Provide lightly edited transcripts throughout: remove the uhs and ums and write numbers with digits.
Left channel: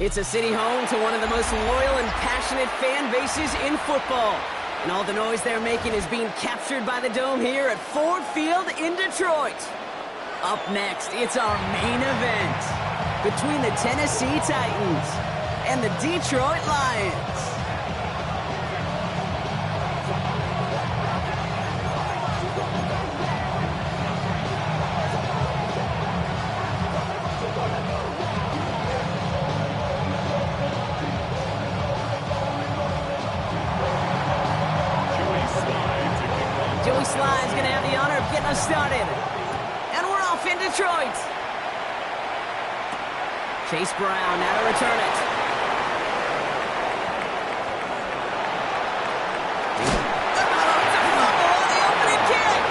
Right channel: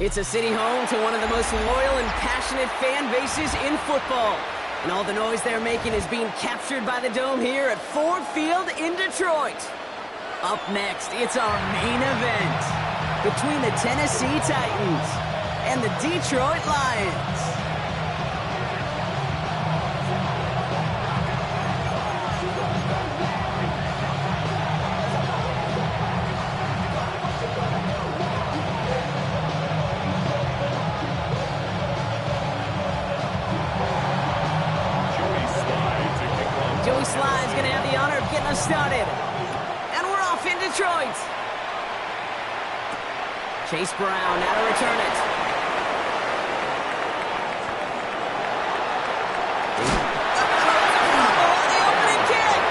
It's a city home to one of the most loyal and passionate fan bases in football. And all the noise they're making is being captured by the Dome here at Ford Field in Detroit. Up next, it's our main event between the Tennessee Titans and the Detroit Lions. Joey Sly's going to have the honor of getting us started. And we're off in Detroit. Chase Brown now to return it. It's a fumble on the opening kick.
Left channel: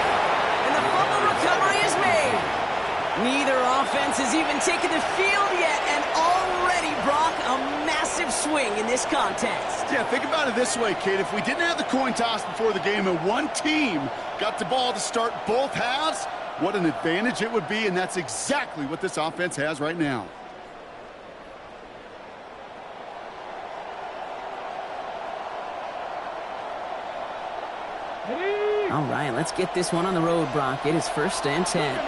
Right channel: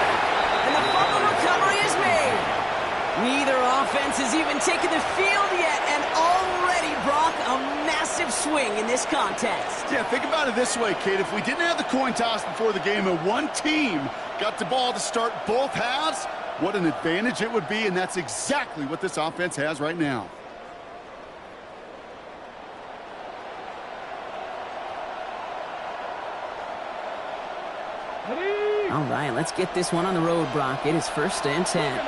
And the fumble recovery is made. Neither offense has even taken the field yet, and already, Brock, a massive swing in this contest. Yeah, think about it this way, kid. If we didn't have the coin toss before the game and one team got the ball to start both halves, what an advantage it would be, and that's exactly what this offense has right now. All right, let's get this one on the road, Brock. It is 1st and 10.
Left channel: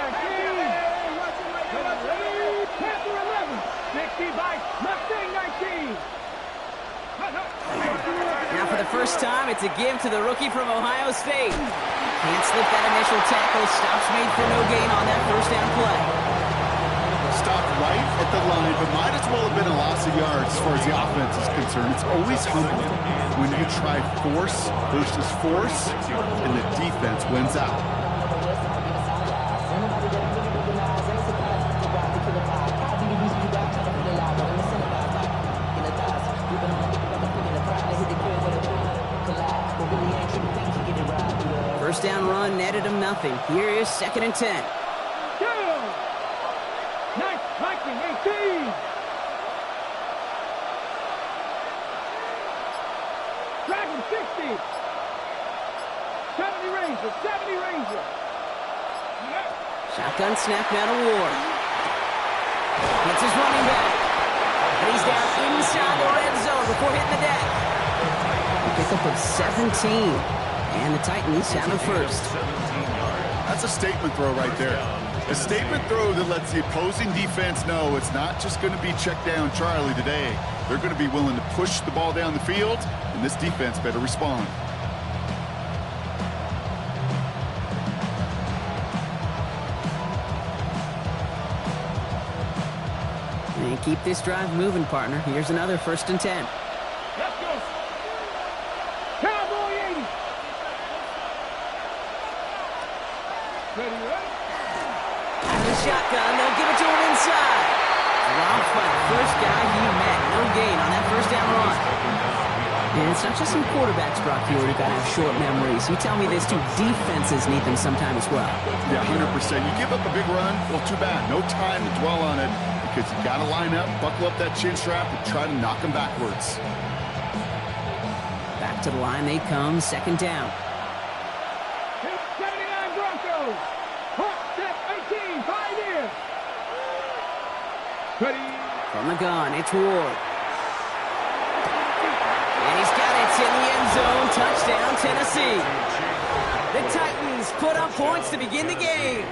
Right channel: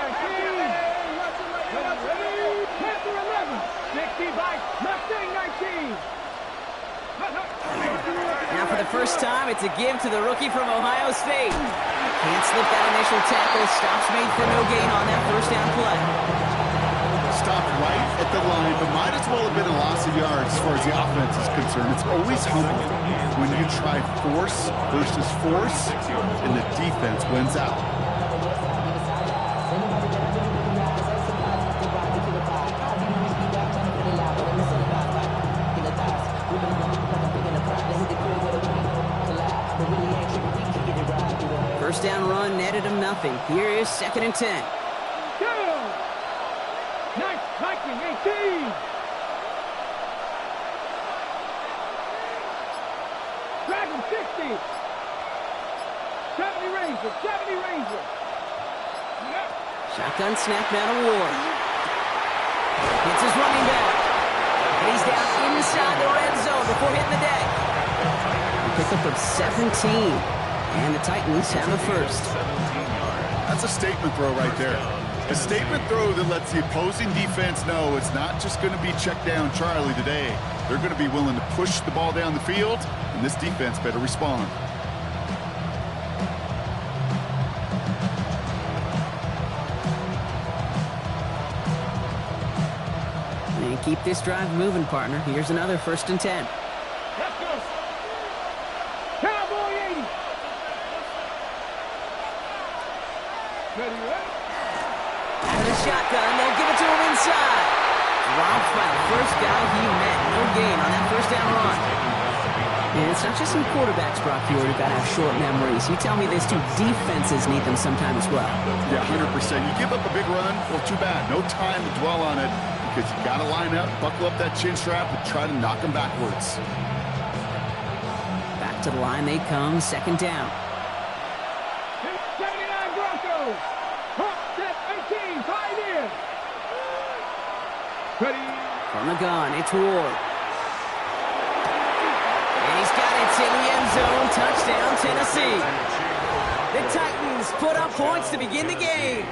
Now for the first time, it's a give to the rookie from Ohio State. Can't slip that initial tackle. Stops made for no gain on that first down play. Stopped right at the line, but might as well have been a loss of yards as far as the offense is concerned. It's always humbling when you try force versus force, and the defense wins out. First down run netted him nothing. Here is 2nd and 10. Nice, Viking, 18. Dragon, 60. 70 Ranger, 70 Ranger. Shotgun snap now to Ward. Hits his running back. And he's down inside the red zone before hitting the deck. A pickup of 17. And the Titans have a first. That's a statement throw right there. A statement throw that lets the opposing defense know it's not just going to be check down Charlie today. They're going to be willing to push the ball down the field, and this defense better respond. And keep this drive moving, partner. Here's another 1st and 10. Let's go. Cowboy 80. Ready? Out of the shotgun, they'll give it to him inside. Dropped by the first guy he met. No gain on that first down run. And it's not just some quarterbacks, Brock, who got to have short memories. You tell me this too, defenses need them sometime as well. Yeah, 100%. You give up a big run, well, too bad. No time to dwell on it because you got to line up, buckle up that chin strap, and try to knock them backwards. Back to the line they come, 2nd down. 79 Broncos. Hawk, step 18, 5 in. Ready? From the gun, it's Ward. And he's got it in the end zone. Touchdown, Tennessee. The Titans put up points to begin the game.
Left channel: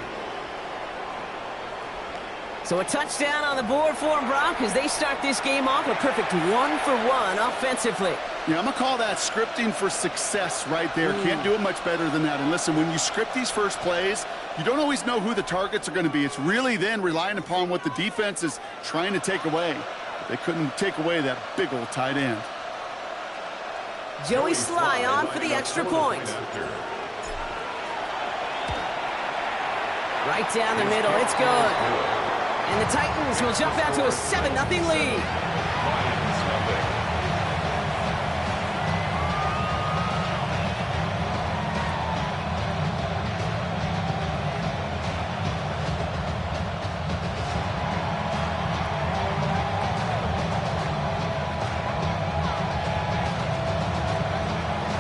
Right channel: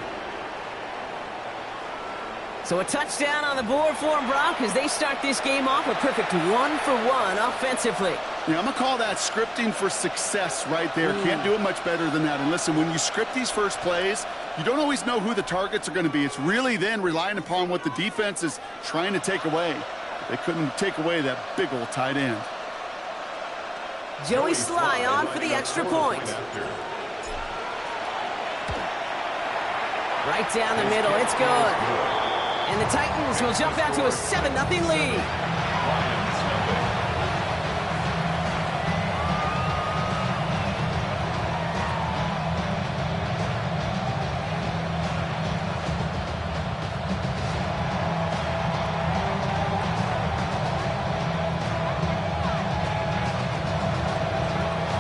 So a touchdown on the board for them, Brock, as they start this game off a perfect 1-for-1 offensively. Yeah, I'm going to call that scripting for success right there. Can't do it much better than that. And listen, when you script these first plays, you don't always know who the targets are going to be. It's really then relying upon what the defense is trying to take away. They couldn't take away that big old tight end. Joey Sly on for the extra point. Right down the middle, it's good. And the Titans will jump out to a 7-0 lead. Lions nothing.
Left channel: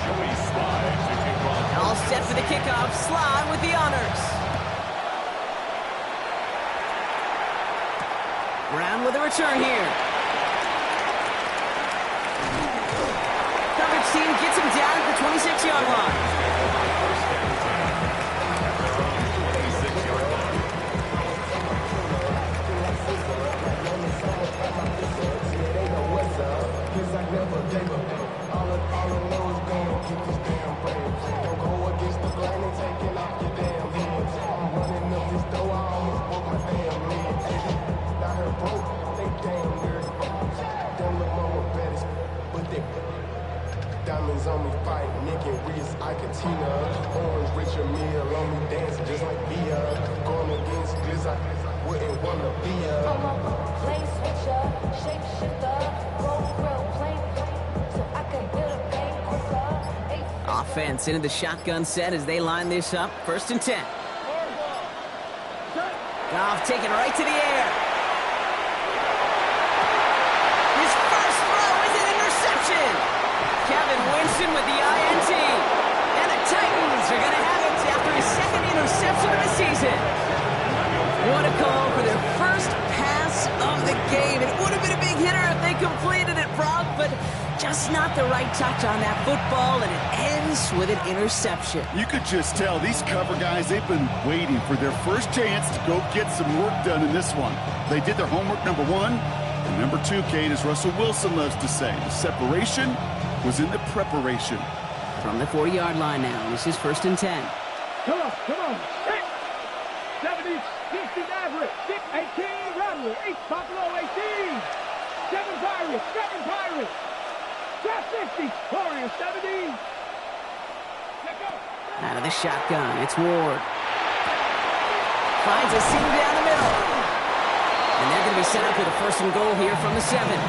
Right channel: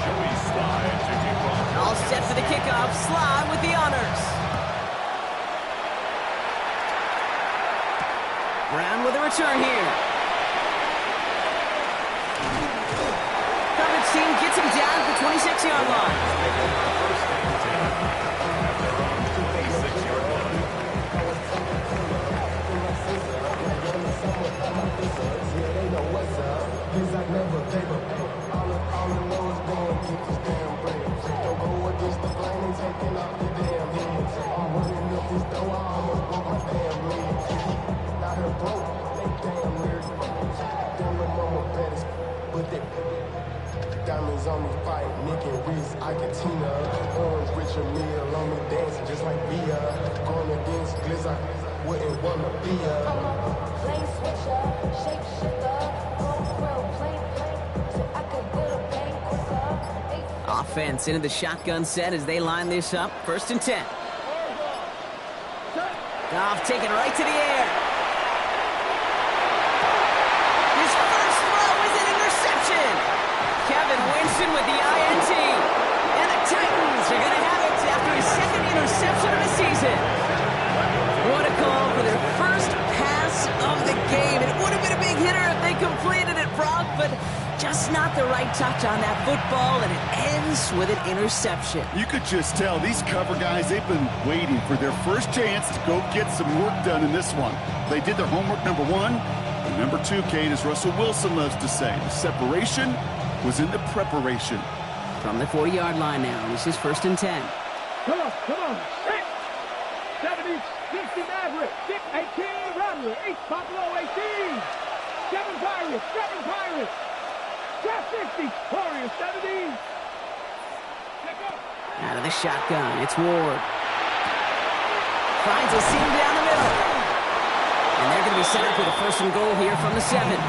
Joey Sly to kick off. All set for the kickoff. Sly with the honors. Brown with a return here. Coverage team gets him down at the 26-yard line. First and 10 at their own 26-yard line. All I know is go and get this damn bread. Don't go against the grain and taking off your damn heads. I'm running up this door, I almost broke my damn leg. Out here broke, they damn nerd. Damn little mama bad as but they diamonds on me fight, neck and wrist, Icatina. Orange Richard Mill on me dancing just like Bia. Going against Glizz, I wouldn't wanna be a. I'm a lane switcher, shapeshifter, gold grill, plain, so I can hit a bang quicker. Offense into the shotgun set as they line this up. First and 10. Goff taken right to the air. His first throw is an interception. Kevin Winston with the INT. And the Titans are going to have it after his second interception of the season. What a call for their first pass of the game. It would have been a big hitter if they completed it, Brock, but just not the right touch on that football, and it ends with an interception. You could just tell these cover guys, they've been waiting for their first chance to go get some work done in this one. They did their homework, number one. And number two, Kate, as Russell Wilson loves to say, the separation was in the preparation. From the 40-yard line now, this is first and 10. Come on. 6, 70, 60 Maverick, 6, 18 Rattler, 8 Buffalo, 18. 7 Pirates. Drop 60, Warriors 70. Out of the shotgun, it's Ward. Finds a seam down the middle. And they're going to be set up with a first and goal here from the 7.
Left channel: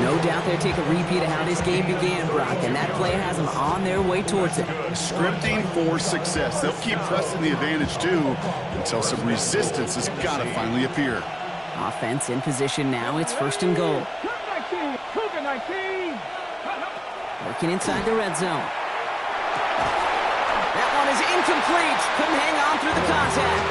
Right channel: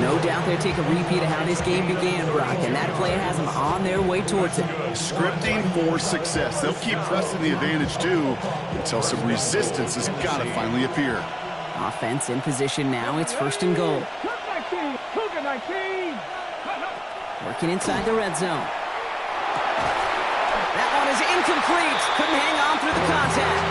No doubt they'll take a repeat of how this game began, Brock, and that play has them on their way towards it. Scripting for success. They'll keep pressing the advantage, too, until some resistance has got to finally appear. Offense in position now. It's first and goal. Cougar 19. Working inside the red zone. That one is incomplete. Couldn't hang on through the contact.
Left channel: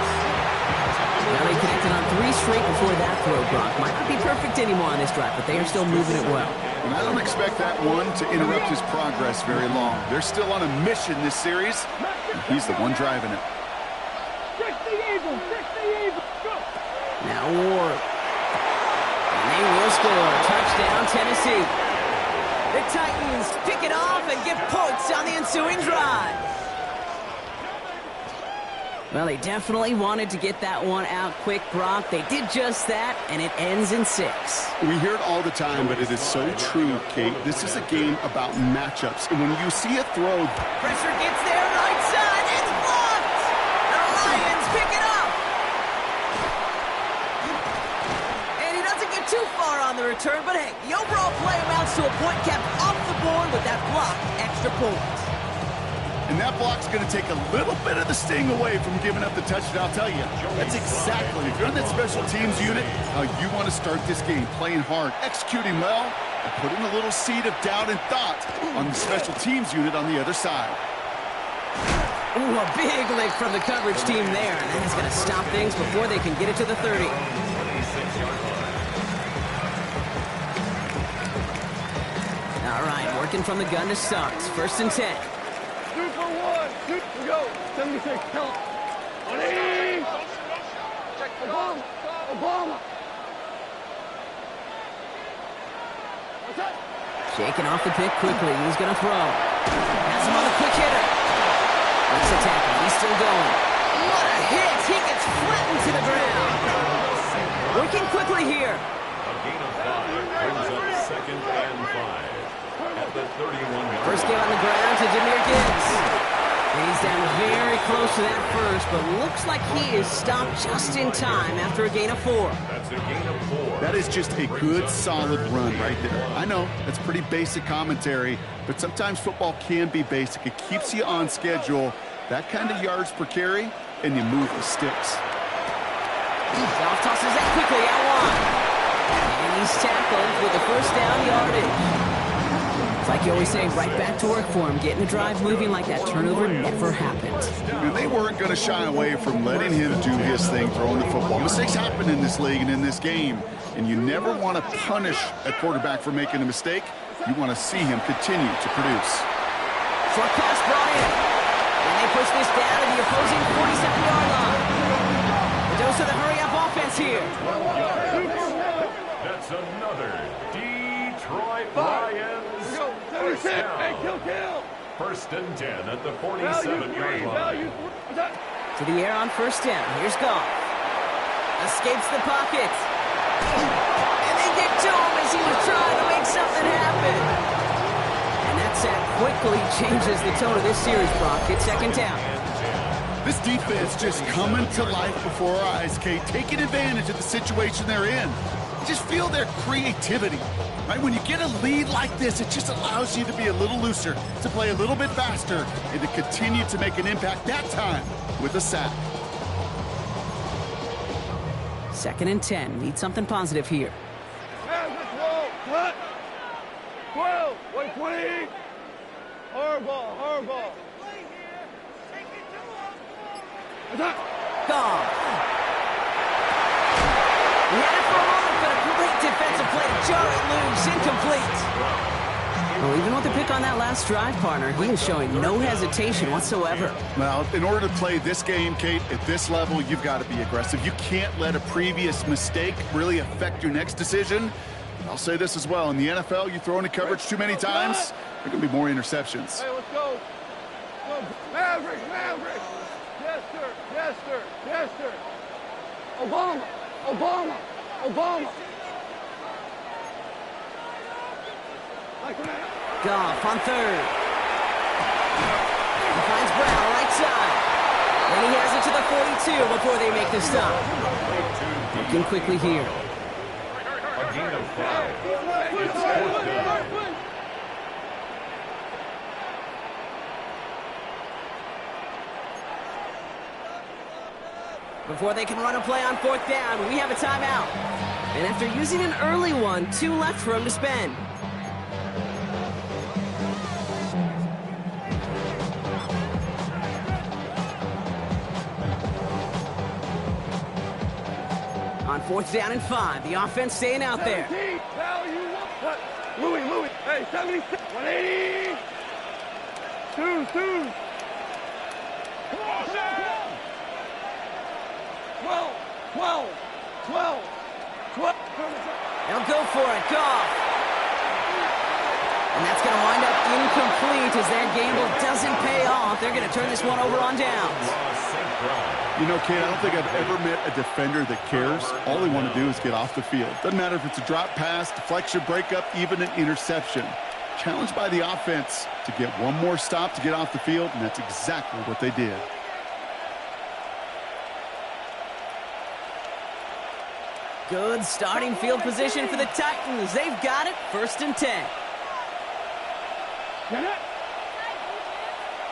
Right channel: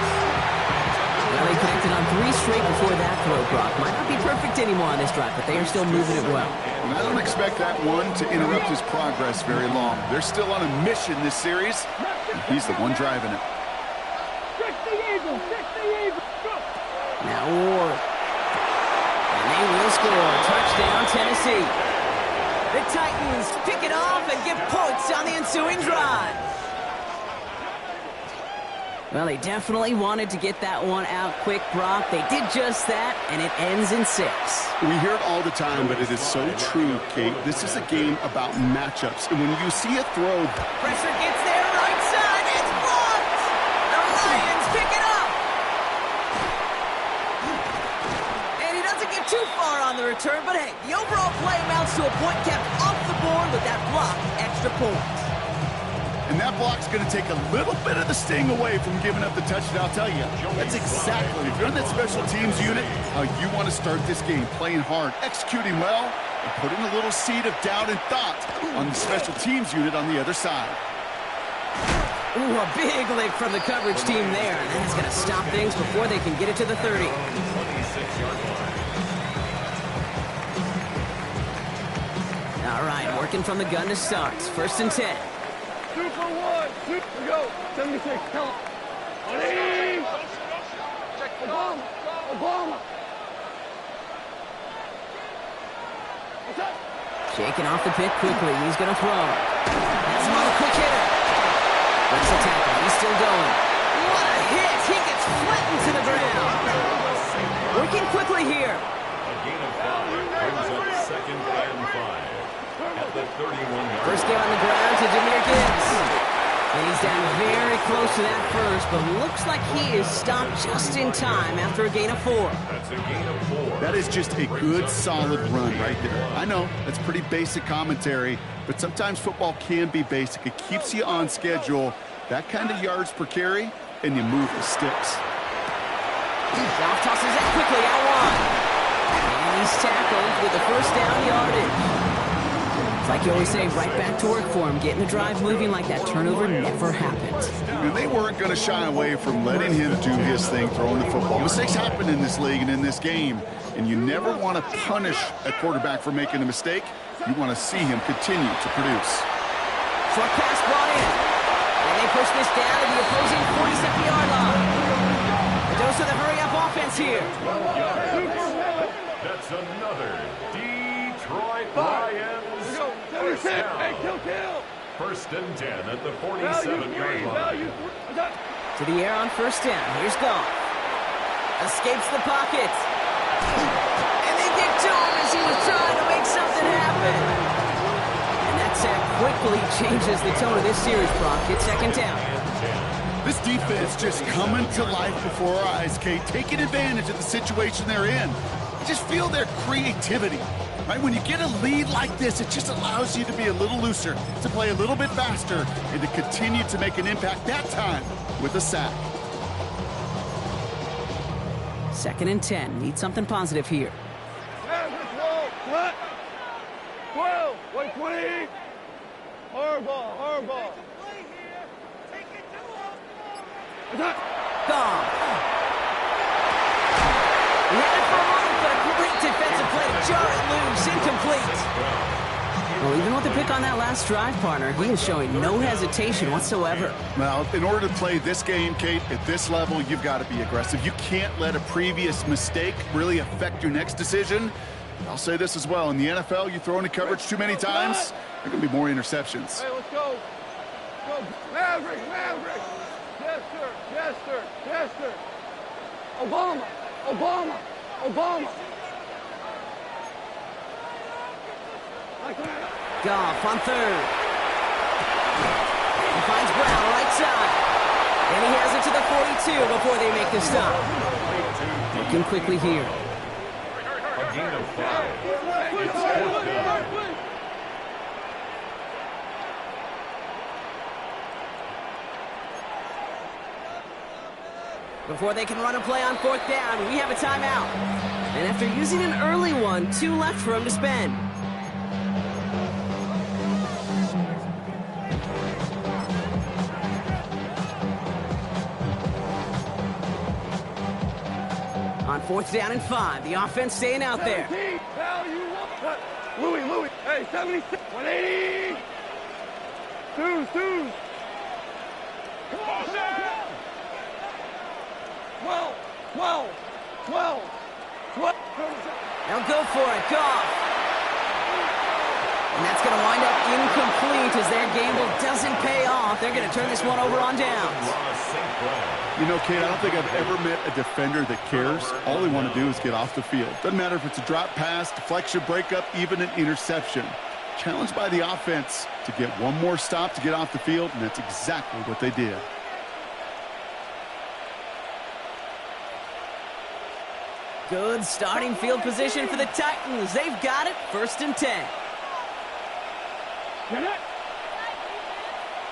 Well, he connected on 3 straight before that throw, Brock. Might not be perfect anymore on this drive, but they are still moving it well. And I don't expect that one to interrupt his progress very long. They're still on a mission this series, and he's the one driving it. 60 Eagles, go. Now Ward. And they will score. Touchdown, Tennessee. The Titans pick it off and get points on the ensuing drive. Well, they definitely wanted to get that one out quick, Brock. They did just that, and it ends in 6. We hear it all the time, but it is so true, Kate. This is a game about matchups. And when you see a throw... Pressure gets there, right side. It's blocked. The Lions pick it up. And he doesn't get too far on the return, but hey, the overall play amounts to a point kept off the board with that blocked extra point. And that block's going to take a little bit of the sting away from giving up the touchdown. I'll tell you, that's exactly, if you're on that special teams unit, how you want to start this game, playing hard, executing well, and putting a little seed of doubt and thought on the special teams unit on the other side. Ooh, a big lick from the coverage team there, and that's going to stop things before they can get it to the 30. 26-yard line. All right, working from the gun to start. First and 10. 2 for 1. 2. We go. 76. Tell him. 180. Obama. Obama. What's up? Shaking off the pick quickly. He's going to throw. Has him on the quick hitter. Breaks the tackle. He's still going. What a hit! He gets flattened to the ground. Working quickly here. A gain of 5 brings up second and 5 at the 31-yard First game on the ground to Jahmyr Gibbs. And he's down very close to that first, but looks like he is stopped just in time after a gain of 4. That's a gain of 4. That is just a good, solid run right there. I know, that's pretty basic commentary, but sometimes football can be basic. It keeps you on schedule. That kind of yards per carry, and you move the sticks. Goff tosses that quickly out wide. And he's tackled with the first down yardage. It's like you always say, right back to work for him. Getting the drive moving like that turnover never happened. And they weren't going to shy away from letting him do his thing, throwing the football. Mistakes happen in this league and in this game, and you never want to punish a quarterback for making a mistake. You want to see him continue to produce. Short pass brought in. And they push this down to the opposing 47-yard line. A dose of the hurry-up offense here. That's another Detroit Lions first down. First and 10 at the 47-yard line. To the air on first down. Here's Goff. Escapes the pocket. And they get to him as he was trying to make something happen. And that sack quickly changes the tone of this series, Brock. It's second down. This defense just coming to life before our eyes, Kate, taking advantage of the situation they're in. Just feel their creativity, right? When you get a lead like this, it just allows you to be a little looser, to play a little bit faster, and to continue to make an impact that time with a sack. Second and 10. Need something positive here. 12, 120. Hardball. Goff. He had it for a moment, but a great defensive play to jar it loose. Incomplete. Well, even with the pick on that last drive, partner, he is showing no hesitation whatsoever. Well, in order to play this game, Kate, at this level, you've got to be aggressive. You can't let a previous mistake really affect your next decision. I'll say this as well. In the NFL, you throw into coverage too many times, there are going to be more interceptions. Hey, let's go. Maverick. Jester. Obama. Goff on third. He finds Brown right side. And he has it to the 42 before they make the stop. Looking quickly here. A gain of 5. It's fourth down. Before they can run a play on fourth down, we have a timeout. And after using an early one, 2 left for him to spend. On fourth down and 5, the offense staying out there. Louis. Hey, 76. 180. Twos. Come on. 12. They'll go for it. Goff. And that's going to wind up incomplete as their gamble doesn't pay off. They're going to turn this one over on downs. You know, Kate, I don't think I've ever met a defender that cares. All they want to do is get off the field. Doesn't matter if it's a drop pass, deflection, breakup, even an interception. Challenged by the offense to get one more stop to get off the field, and that's exactly what they did. Good starting field position for the Titans. They've got it. First and 10. Get it.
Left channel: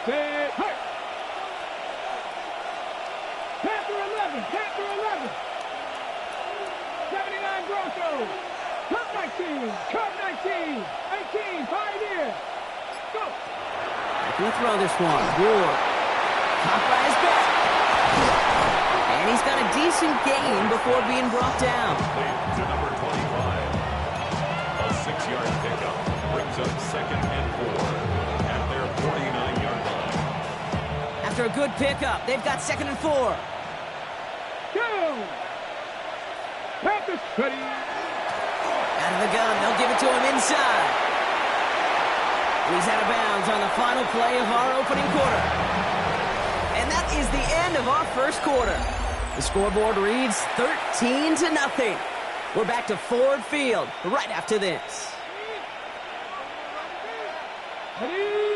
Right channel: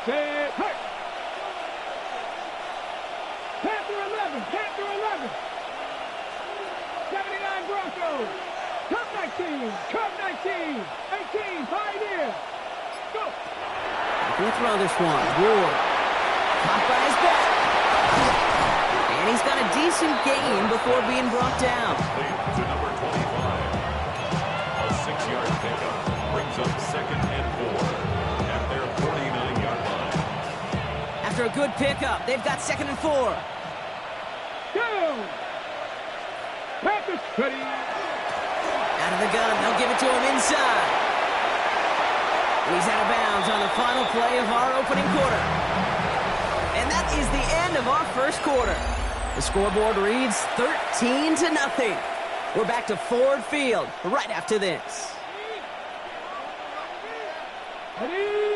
Say, hey. Panther 11. 79 Broncos. Cup 19. 18. Pioneer. Go. Going to throw this one. Ward. Caught by his back. And he's got a decent gain before being brought down. To number 25. A 6-yard pickup brings up second and 4 at their 49-yard line. after a good pickup. They've got 2nd and 4. Go! Panthers ready. Out of the gun, they'll give it to him inside. He's out of bounds on the final play of our opening quarter. And that is the end of our first quarter. The scoreboard reads 13-0. We're back to Ford Field right after this.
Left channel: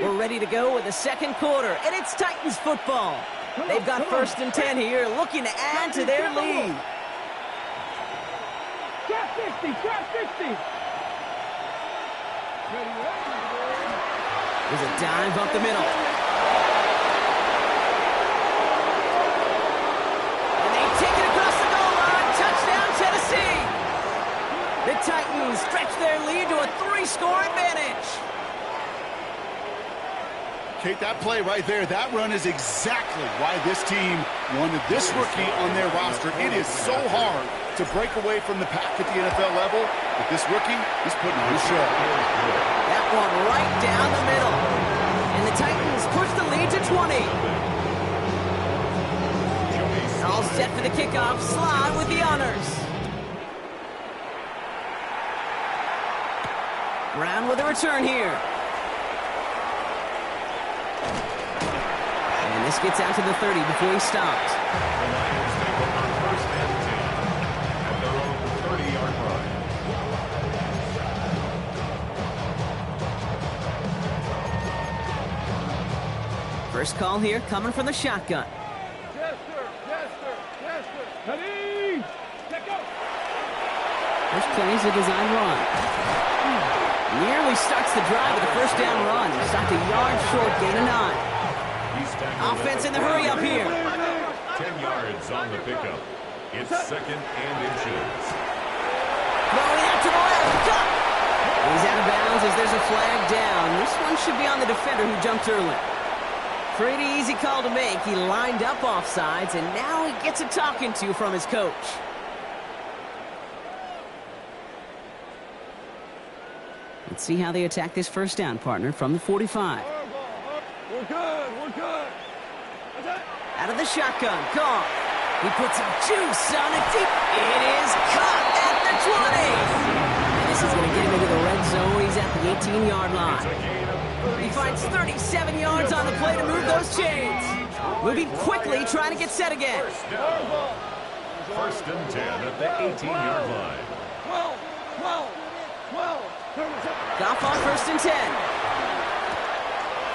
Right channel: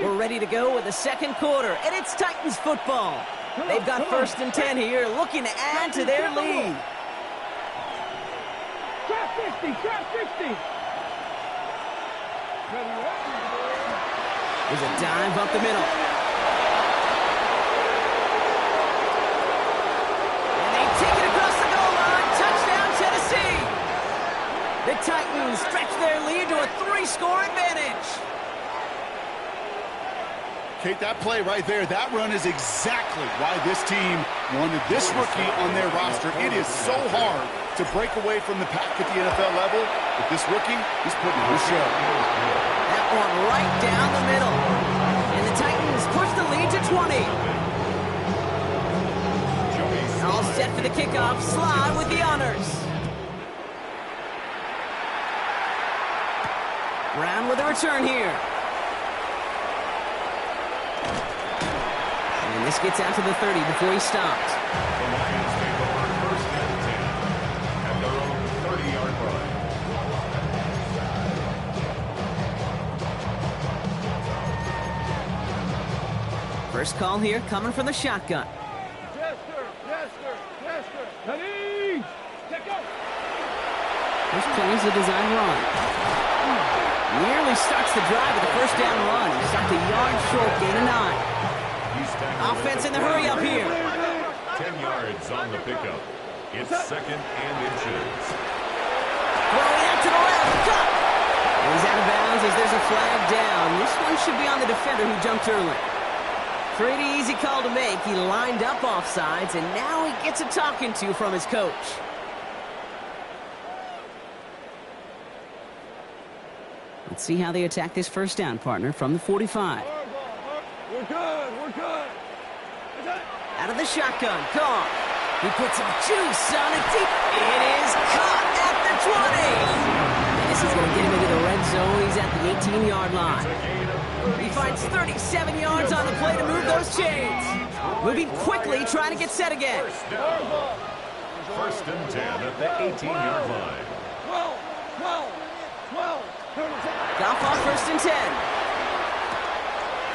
We're ready to go with the second quarter, and it's Titans football. They've got 1st and 10 here, looking to add to their lead. Trap 60, trap 60. There's a dive up the middle. And they take it across the goal line. Touchdown, Tennessee. The Titans stretch their lead to a 3-score advantage. Kate, that play right there, that run is exactly why this team wanted this rookie on their roster. It is so hard to break away from the pack at the NFL level, but this rookie, he's putting on a show. That one right down the middle. And the Titans push the lead to 20. All set for the kickoff. Sly with the honors. Brown with a return here. And this gets out to the 30 before he stops. The Lions take over 1st and 10 at their own 30-yard line. First call here coming from the shotgun. Jester. Ready. Let go. First play is a design run. Nearly starts the drive with a 1st down run. He stopped a yard short, gain of 9. Offense in the hurry up here. 10 yards on the pickup. It's 2nd and inches. Throwing out to the left. Cut. He's out of bounds as there's a flag down. This one should be on the defender who jumped early. Pretty easy call to make. He lined up offsides, and now he gets a talking to from his coach. Let's see how they attack this 1st down, partner, from the 45. We're good. Out of the shotgun, Goff. He puts some juice on it deep. It is caught at the 20. And this is going to get him into the red zone. He's at the 18-yard line. He finds 37 yards on the play to move those chains. Moving quickly, trying to get set again. 1st and 10 at the 18-yard line. 12. Goff on 1st and 10.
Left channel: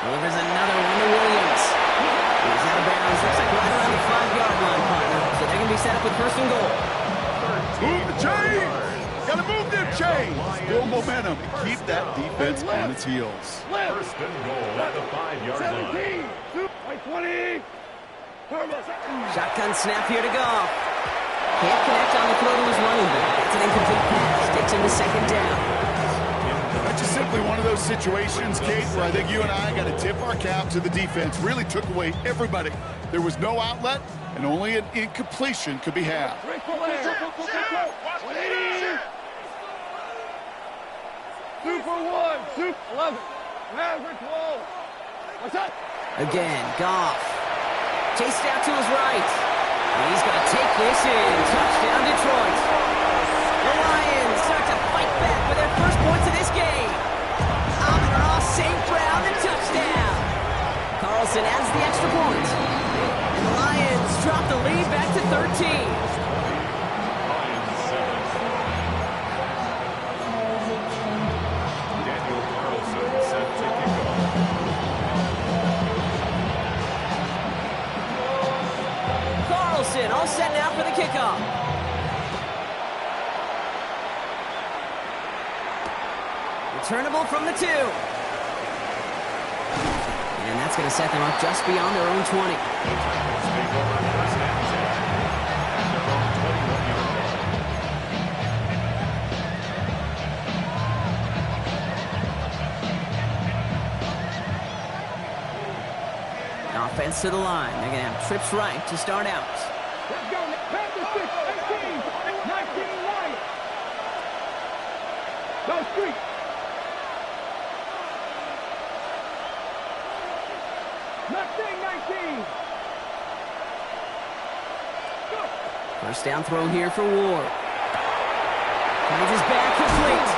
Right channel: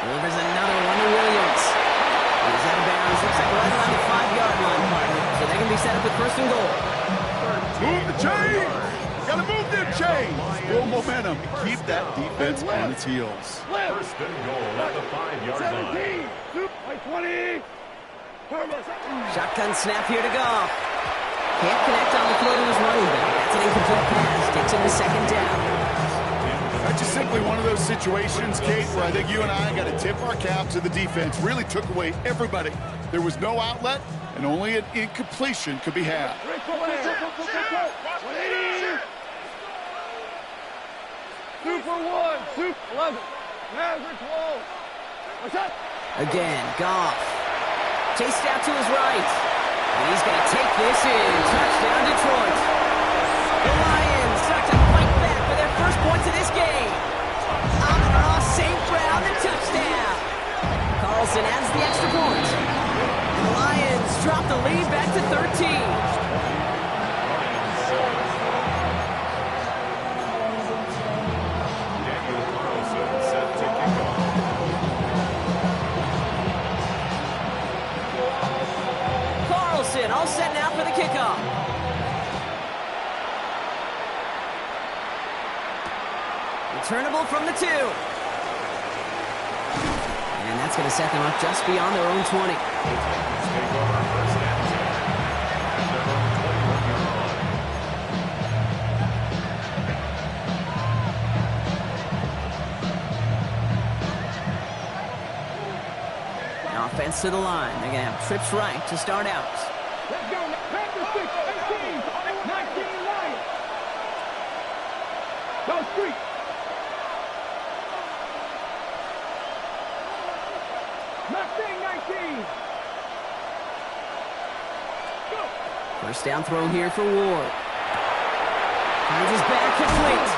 Delivers another one to Williams. He's out of bounds. Looks like right around the 5-yard line, partner. So they're going to be set up with 1st and goal. Move the chains! Got to move them chains! Build momentum and keep that defense on its heels. 1st and goal at the 5-yard line. 20. Shotgun snap here to Goff. Can't connect on the throw to his running back. That's an incomplete pass. Takes him to 2nd down. That's just simply one of those situations, Kate, where I think you and I got to tip our cap to the defense. Really took away everybody. There was no outlet, and only an incompletion could be had. 180. 2 for 1. 11. Maverick Wall. What's up? Again, Goff. Chased out to his right. And he's going to take this in. Touchdown, Detroit. The Lions start to fight back with their first points of this game. Amon-Ra St. Brown, the touchdown. Carlson adds the extra point. And the Lions drop the lead back to 13. Lions 7. Daniel Carlson set to kick off. Carlson all set now for the kickoff. Returnable from the 2. And that's going to set them up just beyond their own 20. The Titans take over 1st and 10 at their own 21-yard line. Offense to the line. They're going to have trips right to start out. Let's go. Panthers 6, 18, 19 Lions. Go street. Mustang 19. First down throw here for Ward. Finds his back complete.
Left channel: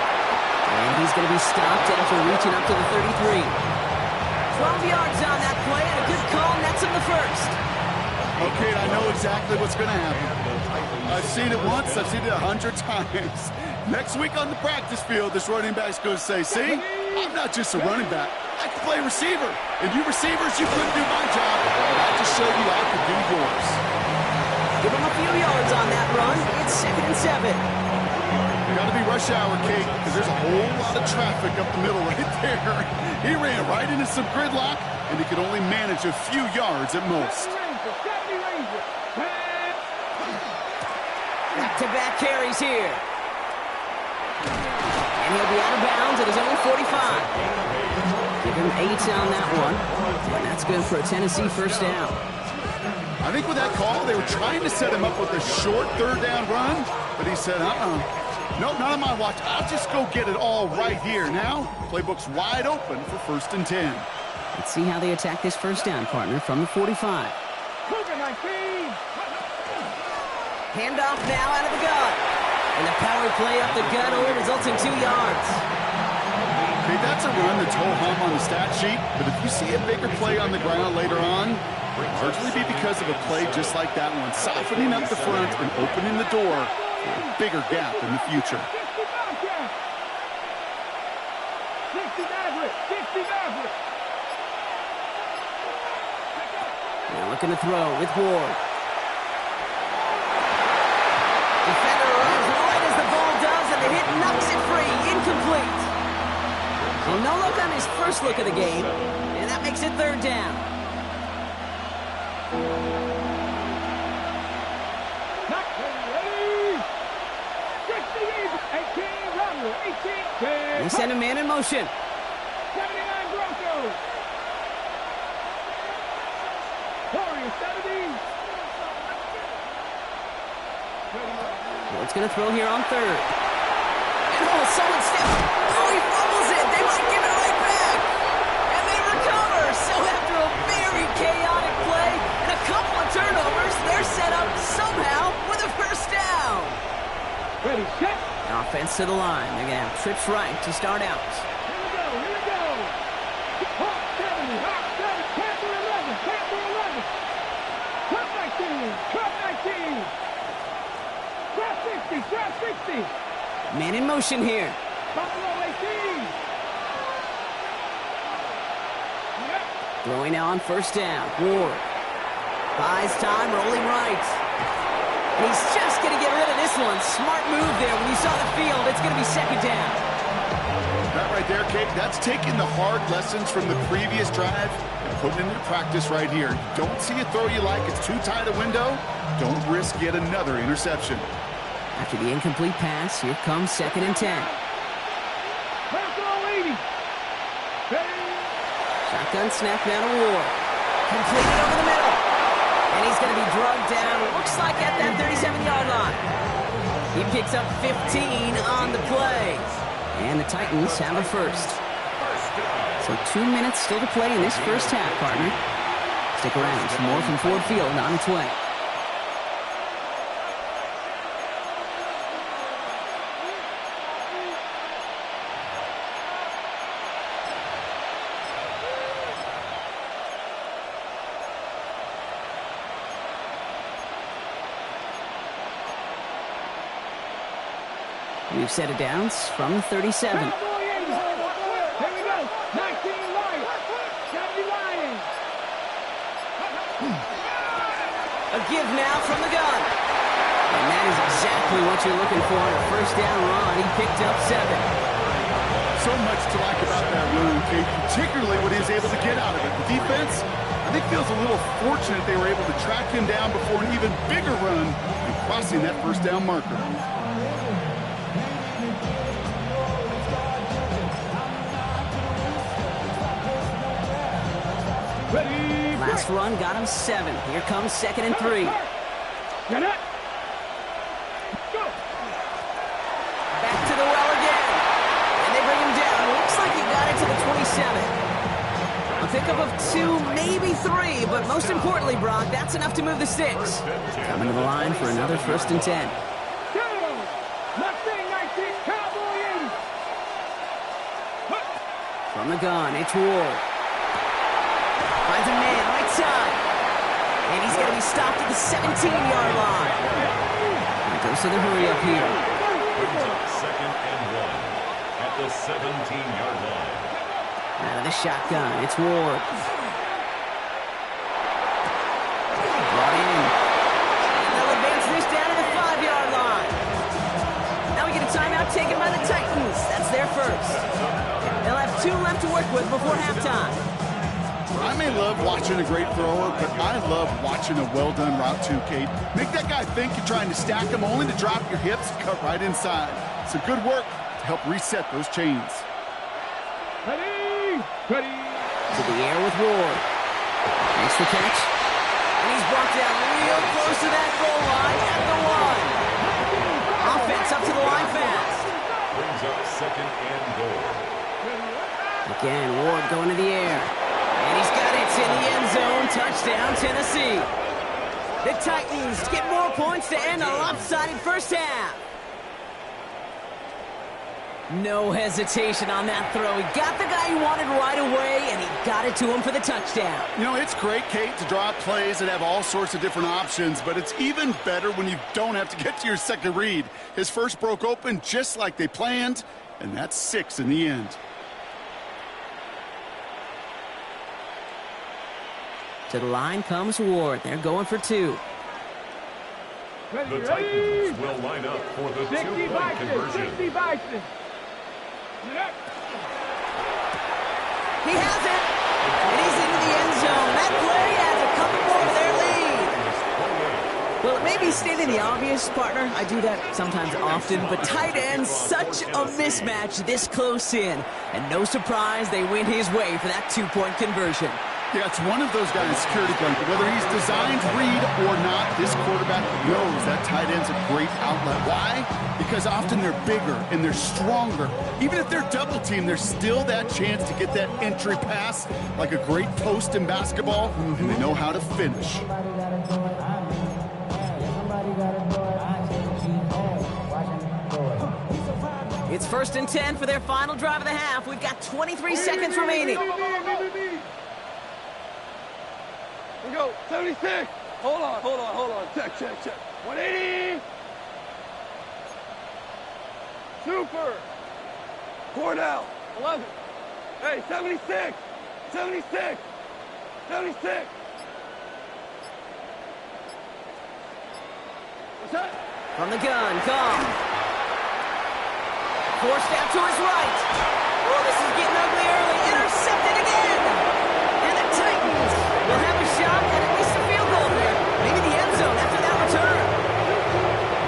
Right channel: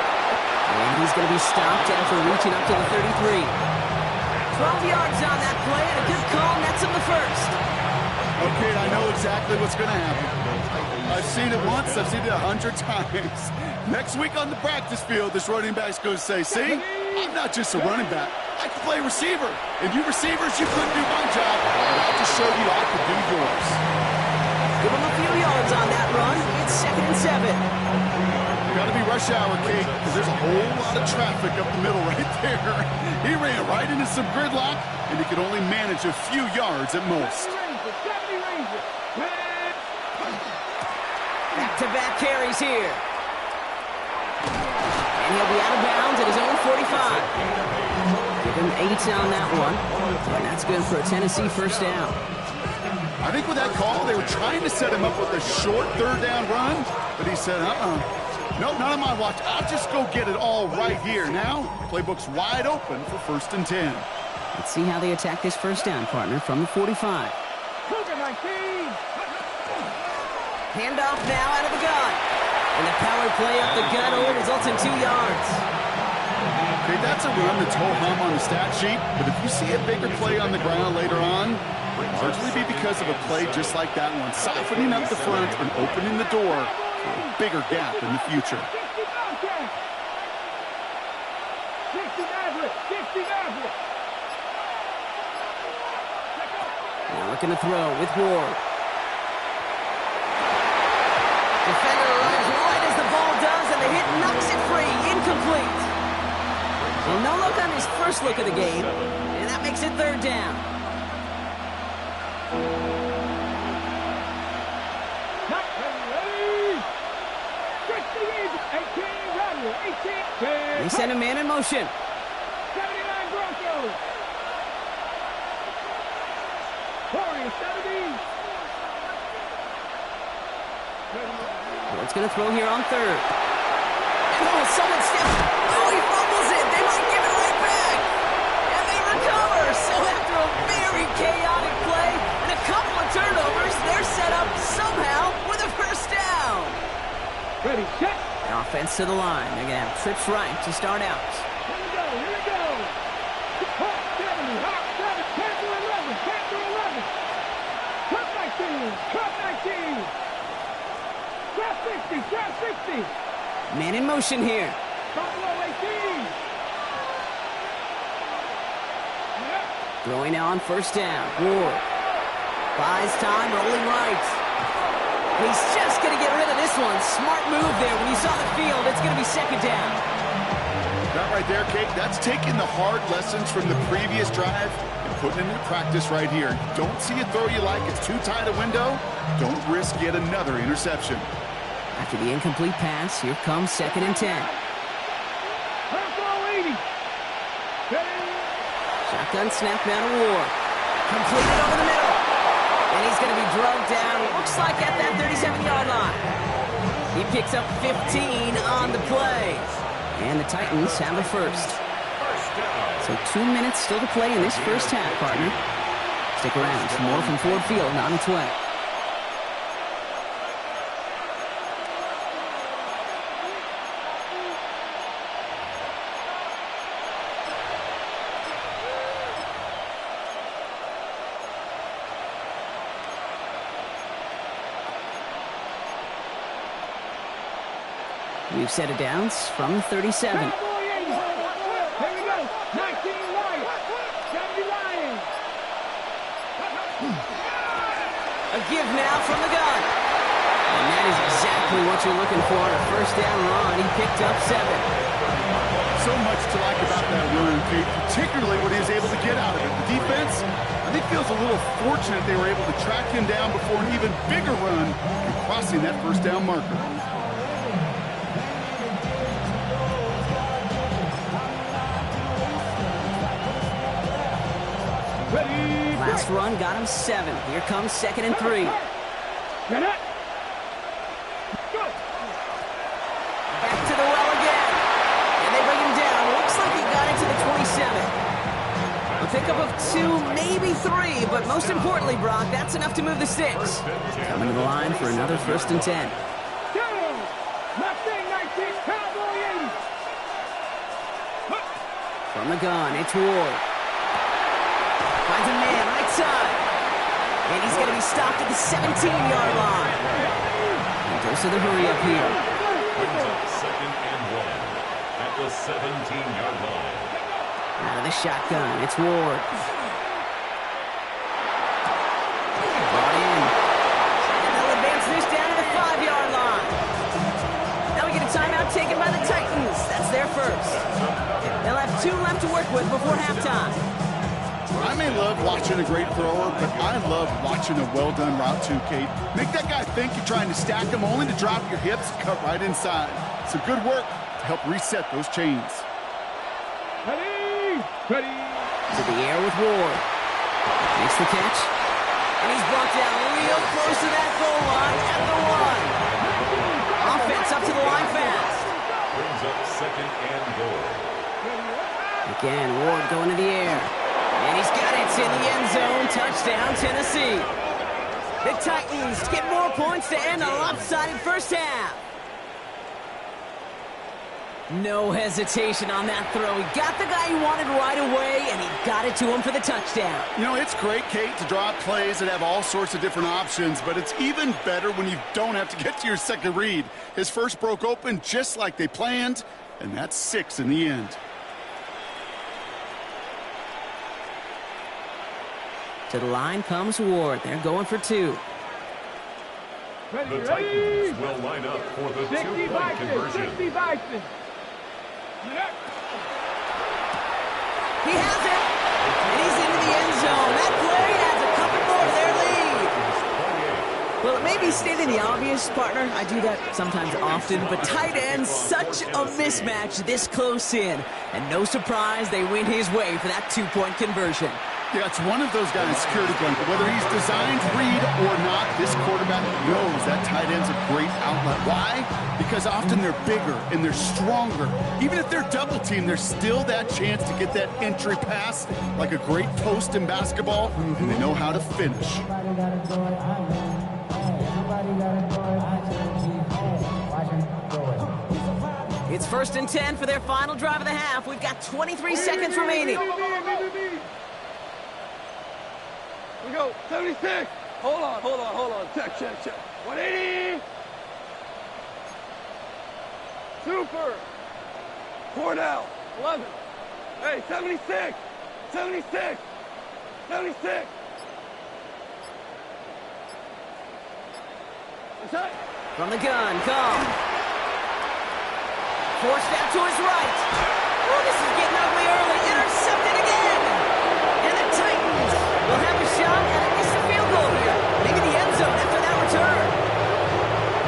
And he's going to be stopped after reaching up to the 33. 12 yards on that play, and a good call nets him the first. Okay, I know exactly what's going to happen. I've seen it once, I've seen it 100 times. Next week on the practice field, this running back's going to say, see, I'm not just a running back. I can play receiver. And you receivers, you couldn't do my job, but I just showed you I could do yours. Give him a few yards on that run. It's 2nd and 7. Got to be rush hour, Kate, because there's a whole lot of traffic up the middle right there. He ran right into some gridlock, and he could only manage a few yards at most. Back-to-back carries here. And he'll be out of bounds at his own 45. Give him 8 on that one. And that's good for a Tennessee first down. I think with that call, they were trying to set him up with a short 3rd down run, but he said, nope, not on my watch. I'll just go get it all right here. Now, playbook's wide open for 1st and 10. Let's see how they attack this first down, partner, from the 45. Handoff now out of the gun. And the power play up the gut only results in 2 yards. Okay, that's a run that's ho-hum on the stat sheet, but if you see a bigger play on the ground later on, largely be because of a play just like that one, softening up the front and opening the door for a bigger gap in the future. Now looking to throw with Ward. Defender arrives right as the ball does, and the hit knocks it free. Incomplete. Well, no look on his first look of the game, and that makes it 3rd down. They send a man in motion. 79 Broncos. Warriors 70. Ward's going to throw here on 3rd. And someone steps. He fumbles it. They might give it right back. And they recover. So after a very chaotic play and a couple of turnovers, they're set up somehow with a first down. Ready, set. Offense to the line. They're going to have trips right to start out. Here we go. Hawk 70, Hawk 7, Panther 11, Panther 11. Trap 19. Trap 60. Man in motion here. Buffalo 18. Yep. Throwing now on first down. Ward buys time, rolling right. And he's just going to get rid of this one. Smart move there. When you saw the field, it's going to be 2nd down. That right there, Kate, that's taking the hard lessons from the previous drive and putting it into practice right here. You don't see a throw you like, it's too tight a window, don't risk yet another interception. After the incomplete pass, here comes 2nd and 10. Shotgun snap now to Ward. Completed over the middle. And he's going to be drugged down, looks like at that 37-yard line. He picks up 15 on the play. And the Titans have a first. So 2 minutes still to play in this first half, partner. Stick around for more from Ford Field on its way. We've set it down from the 37. Here we go. 19 Lions. 70 Lions. A give now from the gun. And that is exactly what you're looking for on a first down run. He picked up 7. So much to like about that run, Kate, particularly what he was able to get out of it. The defense, I think, feels a little fortunate they were able to track him down before an even bigger run and crossing that first down marker. Last run got him 7. Here comes 2nd and 3. Get it. Go. Back to the well again. And they bring him down. Looks like he got into the 27. A pickup of 2, maybe 3, but most importantly, Brock, that's enough to move the sticks. Coming to the line for another 1st and 10. From the gun, it's Ward. Finds a man, right side. And he's going to be stopped at the 17-yard line. And goes to the hurry up here. Brings up 2nd and 1 at the 17-yard line. Out of the shotgun, it's Ward. Brought in. And they'll advance this down to the 5-yard line. Now we get a timeout taken by the Titans. That's their first. They'll have 2 left to work with before halftime. I may love watching a great thrower, but I love watching a well-done route too, Kate. Make that guy think you're trying to stack him, only to drop your hips, cut right inside. Some good work to help reset those chains. Ready? Ready? To the air with Ward. Makes the catch. And he's brought down real close to that goal line at the 1. Offense up to the line fast. Brings up 2nd and goal. Again, Ward going to the air. And he's got it. It's in the end zone. Touchdown, Tennessee. The Titans get more points to end a lopsided first half. No hesitation on that throw. He got the guy he wanted right away, and he got it to him for the touchdown. You know, it's great, Kate, to draw up plays that have all sorts of different options, but it's even better when you don't have to get to your second read. His first broke open just like they planned, and that's 6 in the end. To the line comes Ward. They're going for 2. The Titans will line up for the 2-point conversion. He has it, and he's into the end zone. That play adds a couple more to their lead. Well, it may be stating the obvious, partner. I do that sometimes often, but tight ends, such a mismatch this close in. And no surprise, they win his way for that 2-point conversion. Yeah, it's one of those guys, security blanket. Whether he's designed read or not, this quarterback knows that tight end's a great outlet. Why? Because often they're bigger and they're stronger. Even if they're double teamed, there's still that chance to get that entry pass like a great post in basketball, and they know how to finish. Somebody gotta do it. Somebody gotta do it. Watch him do it. It's 1st and 10 for their final drive of the half. We've got 23 seconds remaining. We go, 76. Hold on. Check. 180. Super. 4 down. 11. Hey, 76. 76. 76. That's it. From the gun, come. Forced out to his right. Oh, this is getting ugly early. Intercepted again. And the Titans will have a shot at least a field goal here. Maybe the end zone after that return.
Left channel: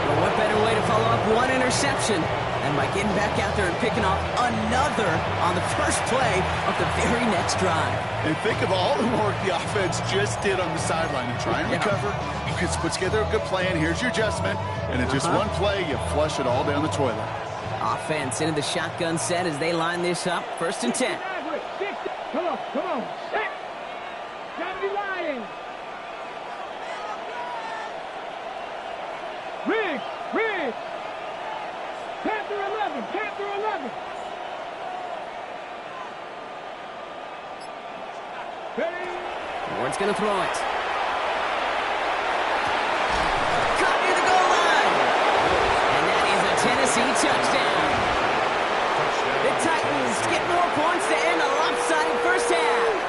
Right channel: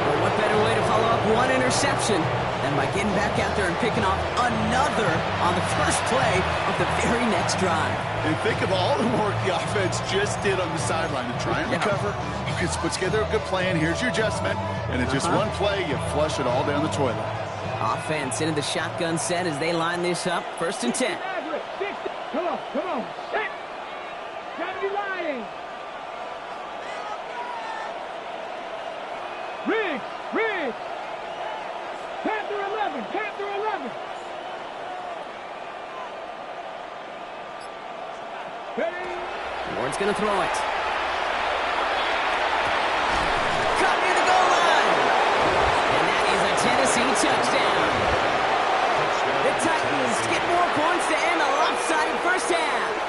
Well, what better way to follow up one interception than by getting back out there and picking off another on the first play of the very next drive. And think of all the work the offense just did on the sideline to try and recover. You can put together a good plan. Here's your adjustment. And in just one play, you flush it all down the toilet. Offense into the shotgun set as they line this up. 1st and 10. Come on. Set. Gotta be lying. Riggs. Panther 11. Ready? Ward's going to throw it. Caught near the goal line. And that is a Tennessee touchdown. The Titans get more points to end a lopsided first half.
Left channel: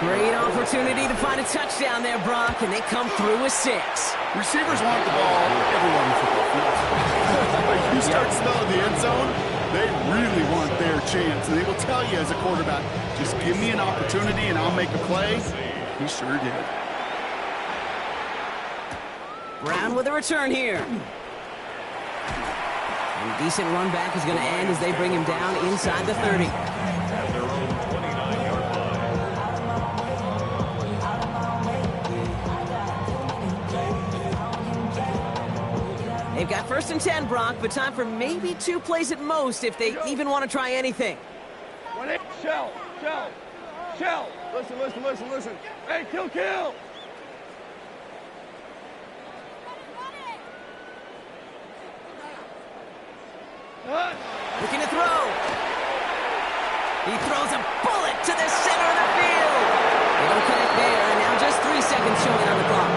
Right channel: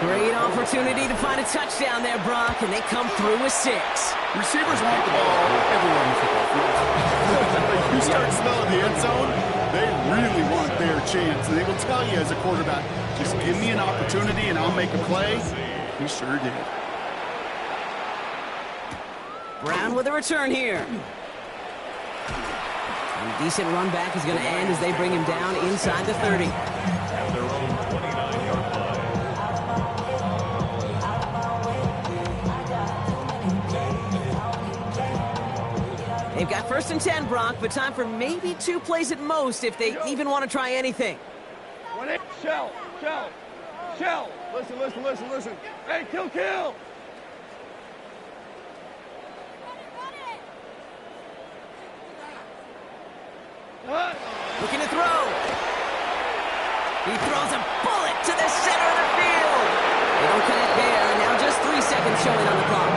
Great opportunity to find a touchdown there, Brock, and they come through with 6. Receivers want the ball everywhere on the football field. But you start smelling the end zone, they really want their chance. And they will tell you as a quarterback, just give me an opportunity and I'll make a play. He sure did. Brown with a return here. And a decent run back is going to end as they bring him down inside the 30. At their own 29-yard line. They've got 1st and 10, Brock, but time for maybe 2 plays at most if they even want to try anything. Shell. Listen. Hey, kill. Looking to throw. He throws a bullet to the center of the field. They don't connect there, and now just 3 seconds showing on the clock.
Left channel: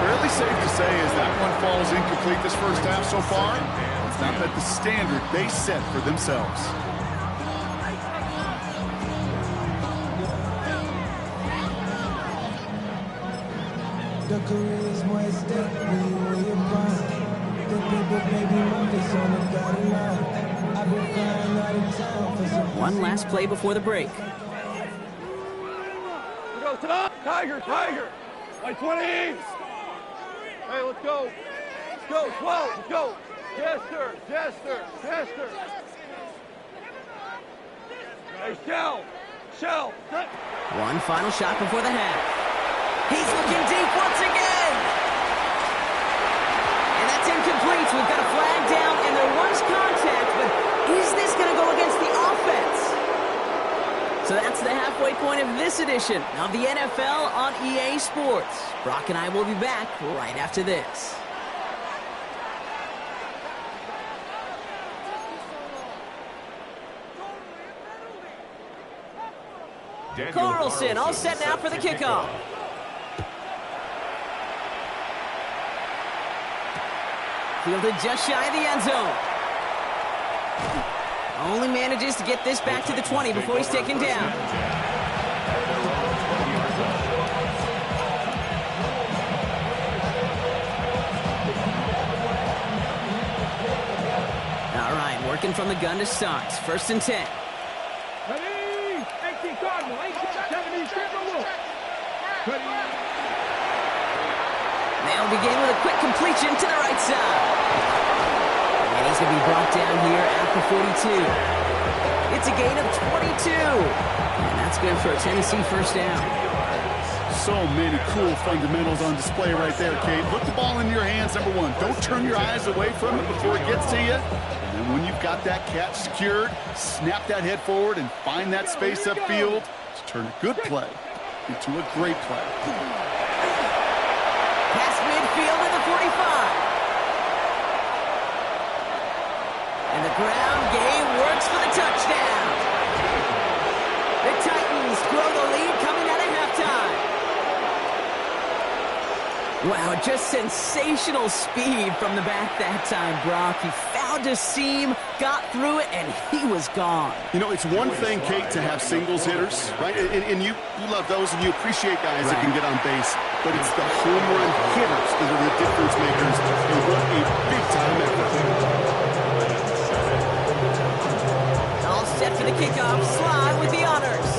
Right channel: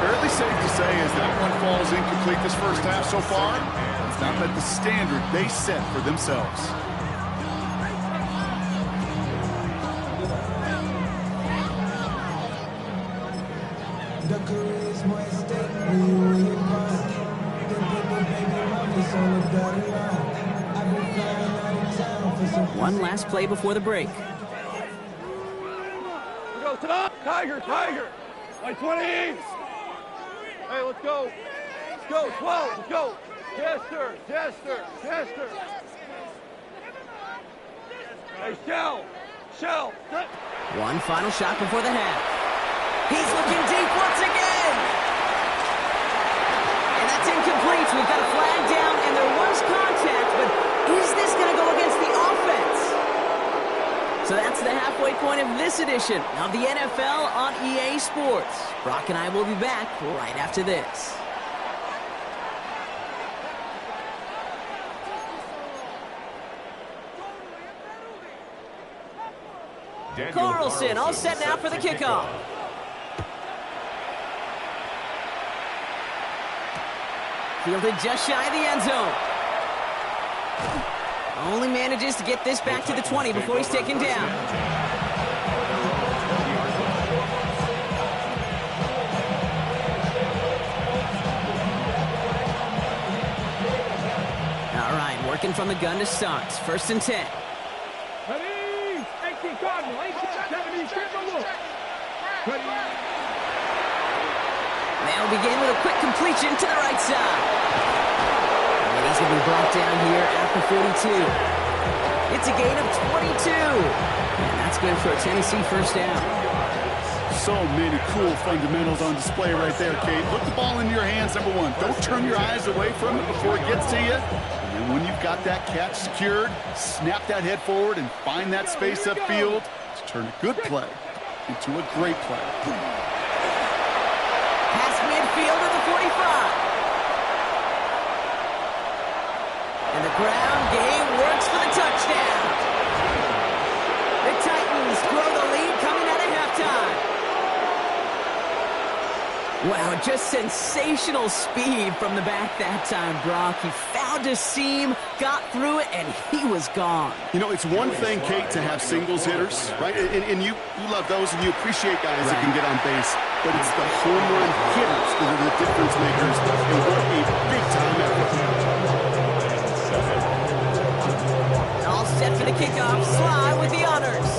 Fairly safe to say as that one falls incomplete this first half so far, it's not met the standard they set for themselves. The career is more at stake when you in your prime. The paper baby mothers on the dotted line. I've been flying out of town for some. One last play before the break. We go, Tiger. Like 20. Hey, let's go. 12, let's go. Jester. Hey, Shell. One final shot before the half. He's looking deep once again. And that's incomplete. We've got a flag down, and there was contact, but is this going to go against the offense? So that's the halfway point of this edition of the NFL on EA Sports. Brock and I will be back right after this. Carlson all set now for the kickoff. Fielded just shy of the end zone. Only manages to get this back to the 20 before he's taken down. All right, working from the gun to start. 1st and 10. Ready? 18 Cardinal. 70. They'll begin with a quick completion to the right side. And he's going to be brought down here at the 42. It's a gain of 22. And that's good for a Tennessee first down. So many cool fundamentals on display right there, Kate. Put the ball in your hands, number one. Don't turn your eyes away from it before it gets to you. And then when you've got that catch secured, snap that head forward and find that space upfield to turn a good play into a great play. Past midfield at the 45. And the ground game works for the touchdown. The Titans grow the lead coming out of halftime. Wow, just sensational speed from the back that time, Brock. He found a seam, got through it, and he was gone. You know, it's one thing, Kate, to have singles hitters, right? And you love those, and you appreciate guys that can get on base. But it's the home run hitters that are the difference makers, and what a big-time effort. All set for the kickoff. Sly with the honors.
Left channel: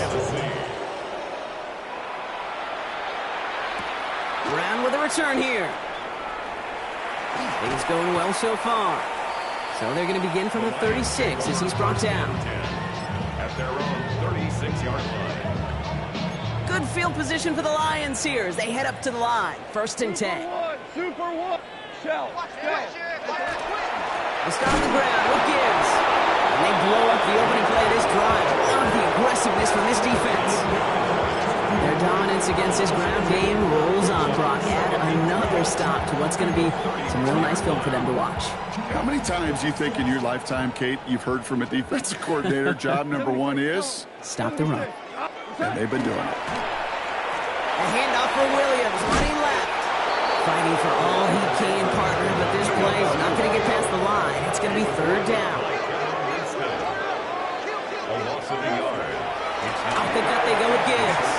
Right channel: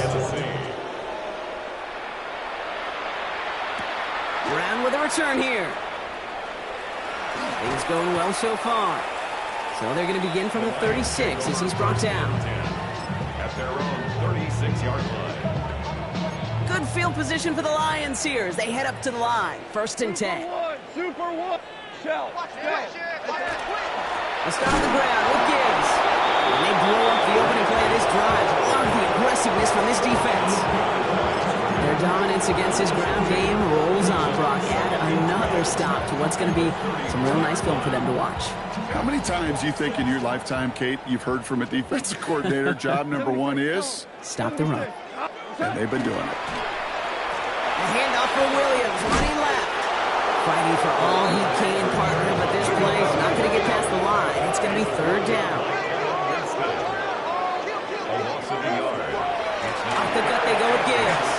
Brown with a return here. Things going well so far. So they're going to begin from the 36 as he's brought down. At their own 36-yard line. Good field position for the Lions here as they head up to the line. 1st and 10. Super one. Shell. They'll start on the ground with Gibbs. And they blow up the opening play of this drive. Love the aggressiveness from this defense. Their dominance against his ground game rolls on, Brock. Add another stop to what's going to be some real nice film for them to watch. How many times do you think in your lifetime, Kate, you've heard from a defensive coordinator, job number one is? Stop the run. And they've been doing it. A handoff for Williams, running left. Fighting for all he can, partner, but this play is not going to get past the line. It's going to be 3rd down. A loss of a yard. Off the gut they go with Gibbs.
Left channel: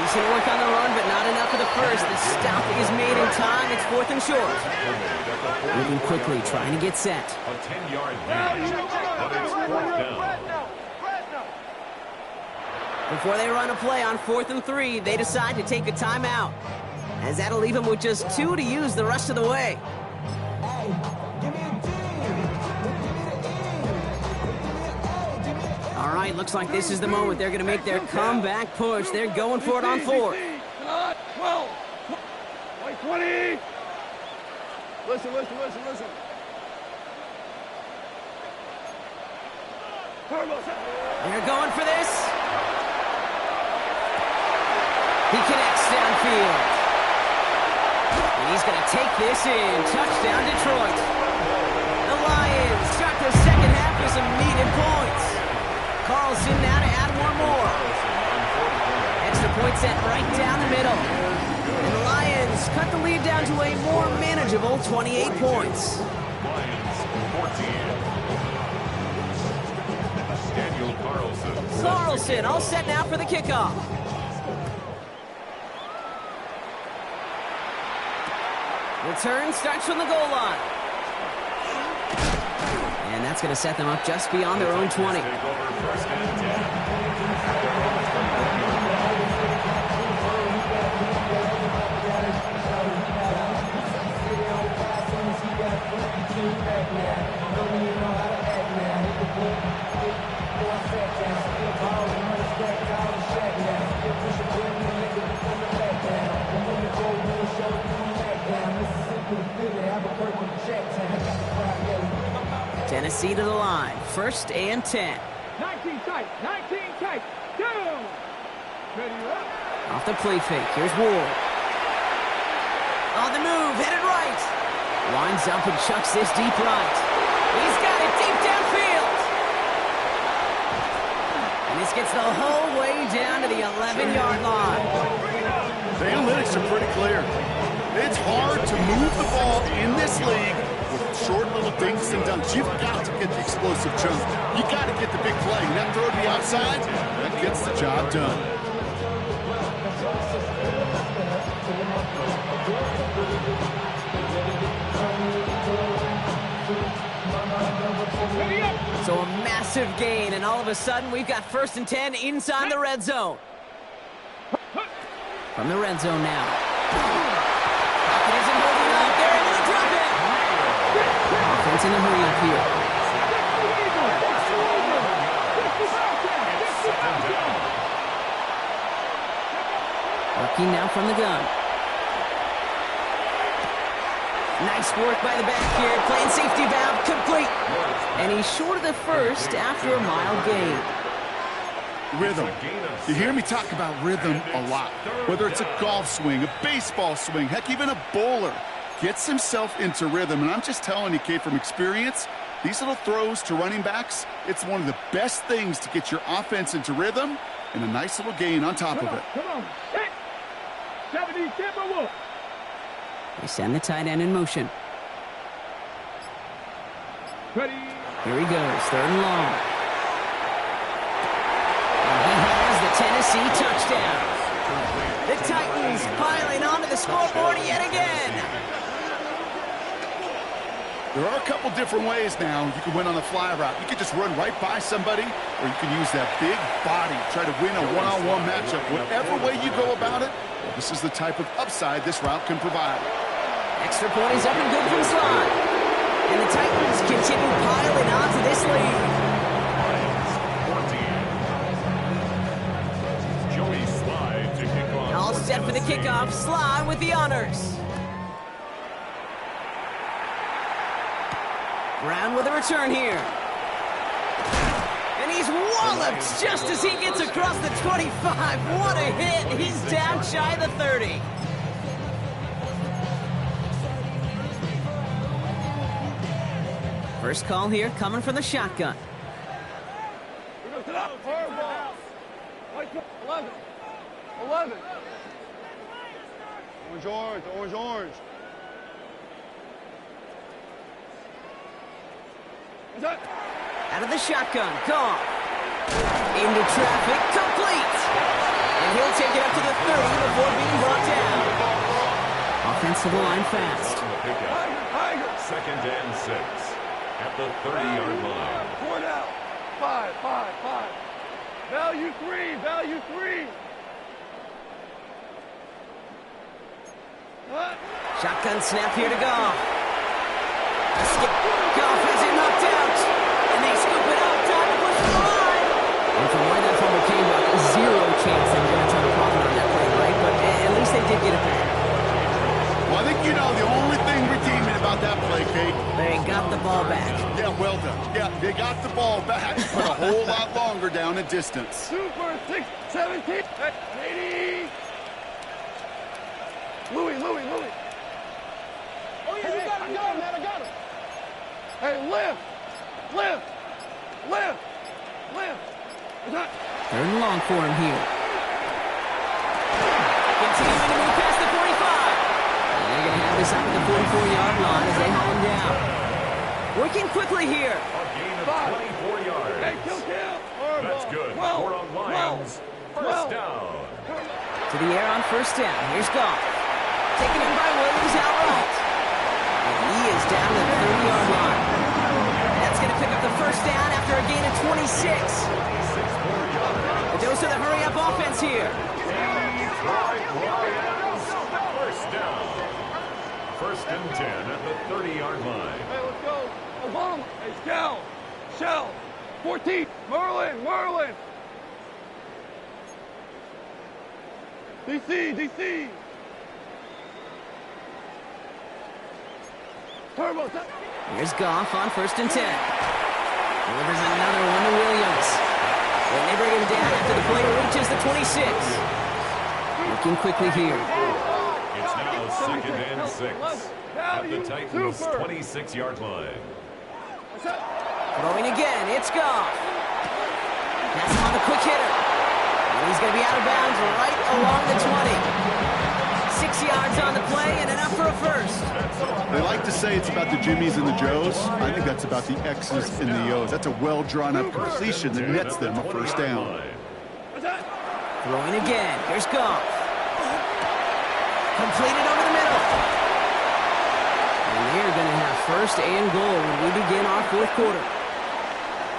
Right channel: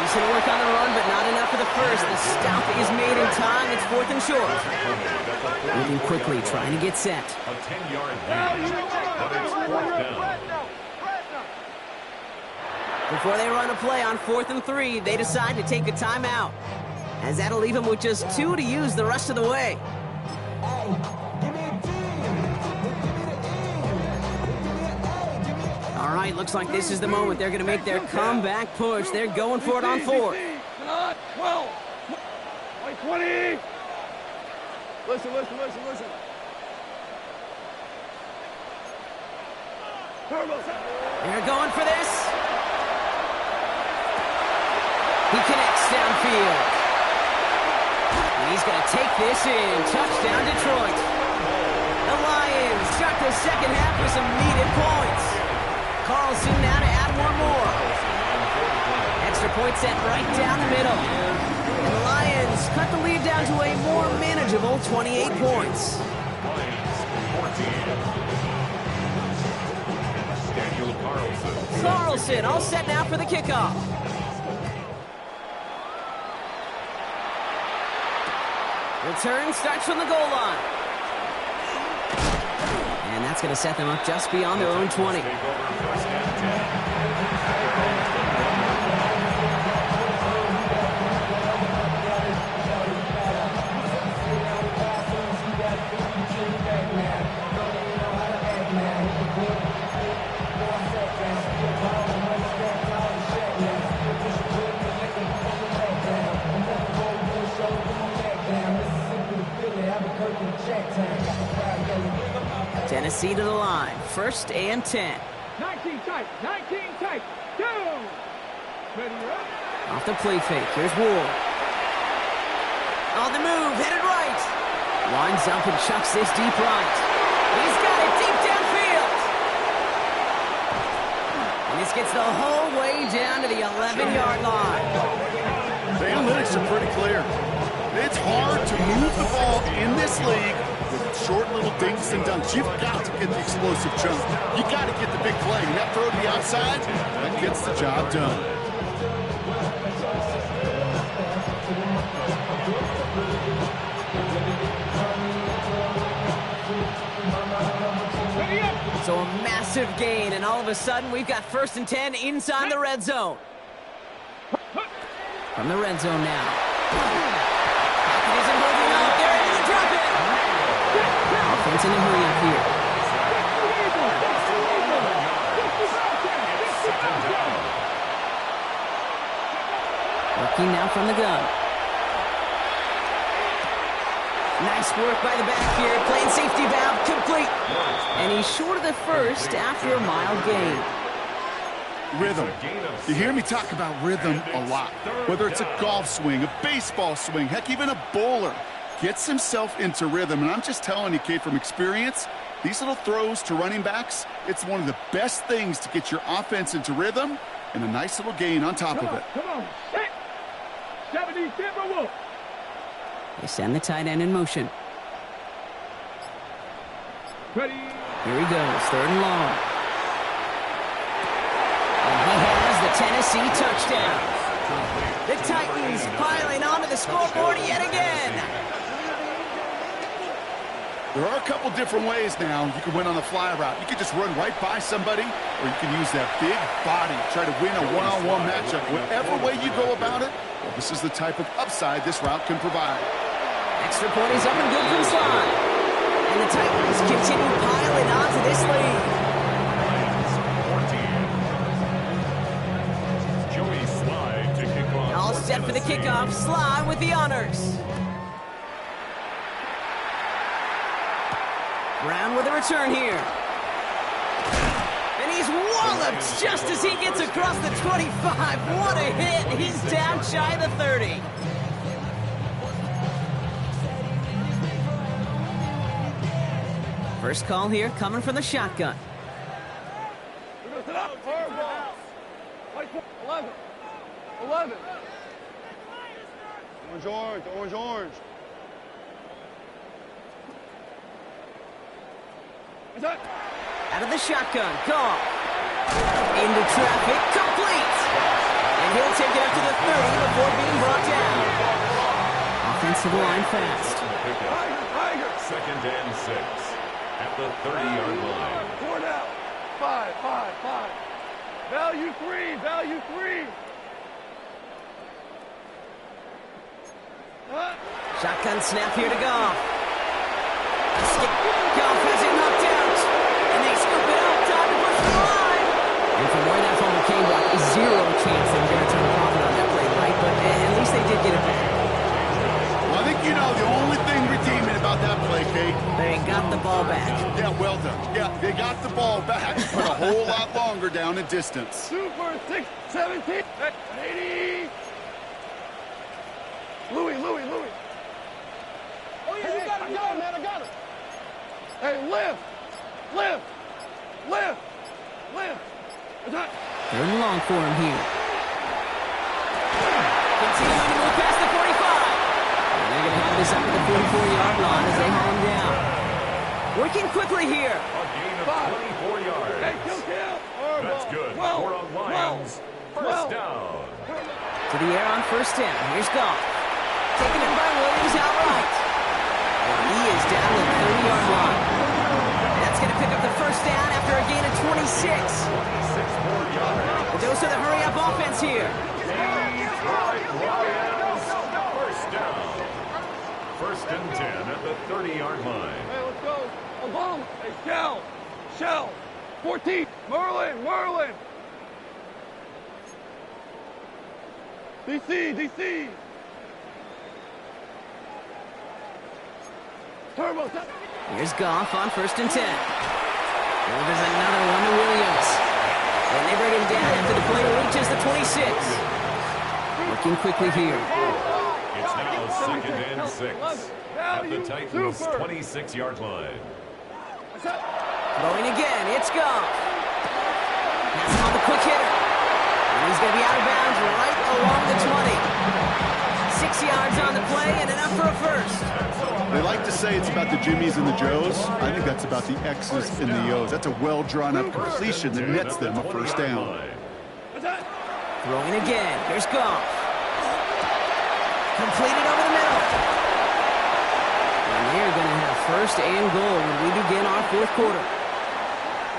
Decent work on the run, but not enough for the first. The stop is made in time. It's 4th and short. Moving quickly, trying to get set. A 10-yard gain, but it's 4th down. Before they run a play on 4th and 3, they decide to take a timeout, as that'll leave them with just 2 to use the rest of the way. All right, looks like this is the moment they're going to make their comeback push. They're going for it on 4th. 12. Like 20. Listen. They're going for this. He connects downfield. And he's going to take this in. Touchdown, Detroit. The Lions start the second half with some needed points. Carlson now to add one more. Extra point set right down the middle. And the Lions cut the lead down to a more manageable 28 points. Lions 14. Daniel Carlson. Carlson all set now for the kickoff. Return starts from the goal line. And that's going to set them up just beyond their own 20. Take over first and 10. At their own 21-yard line. Tennessee to the line. First and 10. 19 tight. 19 tight. Down. Ready up. Off the play fake. Here's Ward. On the move. Headed right. Winds up and chucks this deep right. He's got it deep downfield. And this gets the whole way down to the 11-yard line. The analytics are pretty clear. It's hard to move the ball in this league with short little dinks and dunks. You've got to get the explosive jump. You got to get the big play. And that throw to the outside, that gets the job done. So a massive gain, and all of a sudden we've got first and 10 inside the red zone. From the red zone now. Pocket isn't holding up. They're able to drop it. Offense in a hurry up here. Working now from the gun. Nice work by the back here. Playing safety valve complete. And he's short of the first after a mild gain. Rhythm. You hear me talk about rhythm a lot. Whether it's a golf swing, a baseball swing, heck, even a bowler gets himself into rhythm. And I'm just telling you, kid, from experience, these little throws to running backs, it's one of the best things to get your offense into rhythm and a nice little gain on top of it. Come on, set. 70 Timberwolves. They send the tight end in motion. Ready. Here he goes, third and long. And he has the Tennessee touchdown. The Titans piling onto the scoreboard yet again. There are a couple different ways now. You can win on the fly route. You can just run right by somebody, or you can use that big body, try to win a one-on-one matchup. Whatever way you go about it, well, this is the type of upside this route can provide. Extra point is up and good from Slide. And the Titans continue piling onto this lead. Lions 14. Joey Slide to kick off. All set for the kickoff. Slide with the honors. Brown with a return here. And he's walloped just as he gets across the 25. What a hit. He's down shy of the 30. First call here coming from the shotgun. 11. 11. Orange, orange, orange, orange. Out of the shotgun, Goff. Into traffic, complete. And he'll take it up to the 30 before being brought down. Offense to the line fast. Tiger. Second and 6 at the 30-yard line. 4 down. 5. Value 3. Shotgun snap here to Goff. Goff has it knocked out. And they scoop it up. Time to push the line. And from where that fumble came, Brock, zero chance they were going to try to profit on that play, right? But at least they did get it back. Well, I think you know the only thing redeeming about about that play, Kate? They got the ball back. Yeah, well done. Yeah, they got the ball back, but a whole lot longer down in distance. Super 6, 17. 180. Louis. Oh, yeah, you got him, man. I got him. Hey, lift. Third and long for him here. Continuing to move past the 45. And they're going to have this up at the 44-yard line as they haul him down. Working quickly here. A gain of 24 yards. Hey, kill. That's good. 12, Four on Lions. First down. To the air on first down. Here's Goff. Taken in by Williams outright. And he is down to the 30-yard line. That's going to pick up the first down after a gain of 26. 26 more yards. A dose of the hurry-up offense here. Detroit Lions. First down. First and 10 at the 30-yard line. Hey, let's go. Obama. Hey, Shell. 14. Merlin. DC. Turbo. Here's Goff on first and 10. Delivers another one to Williams. And they bring him down after the play reaches the 26. Looking quickly here. It's now second and 6 at the Titans' 26-yard line. Throwing again, it's Goff. That's him on the quick hitter. And he's going to be out of bounds right along the 20. 6 yards on the play and enough for a first. They like to say it's about the Jimmies and the Joes. I think that's about the X's and the O's. That's a well-drawn-up completion that nets them a first down. Throwing again. Here's Goff. Completed over the middle. And they're going to have first and goal when we begin our fourth quarter.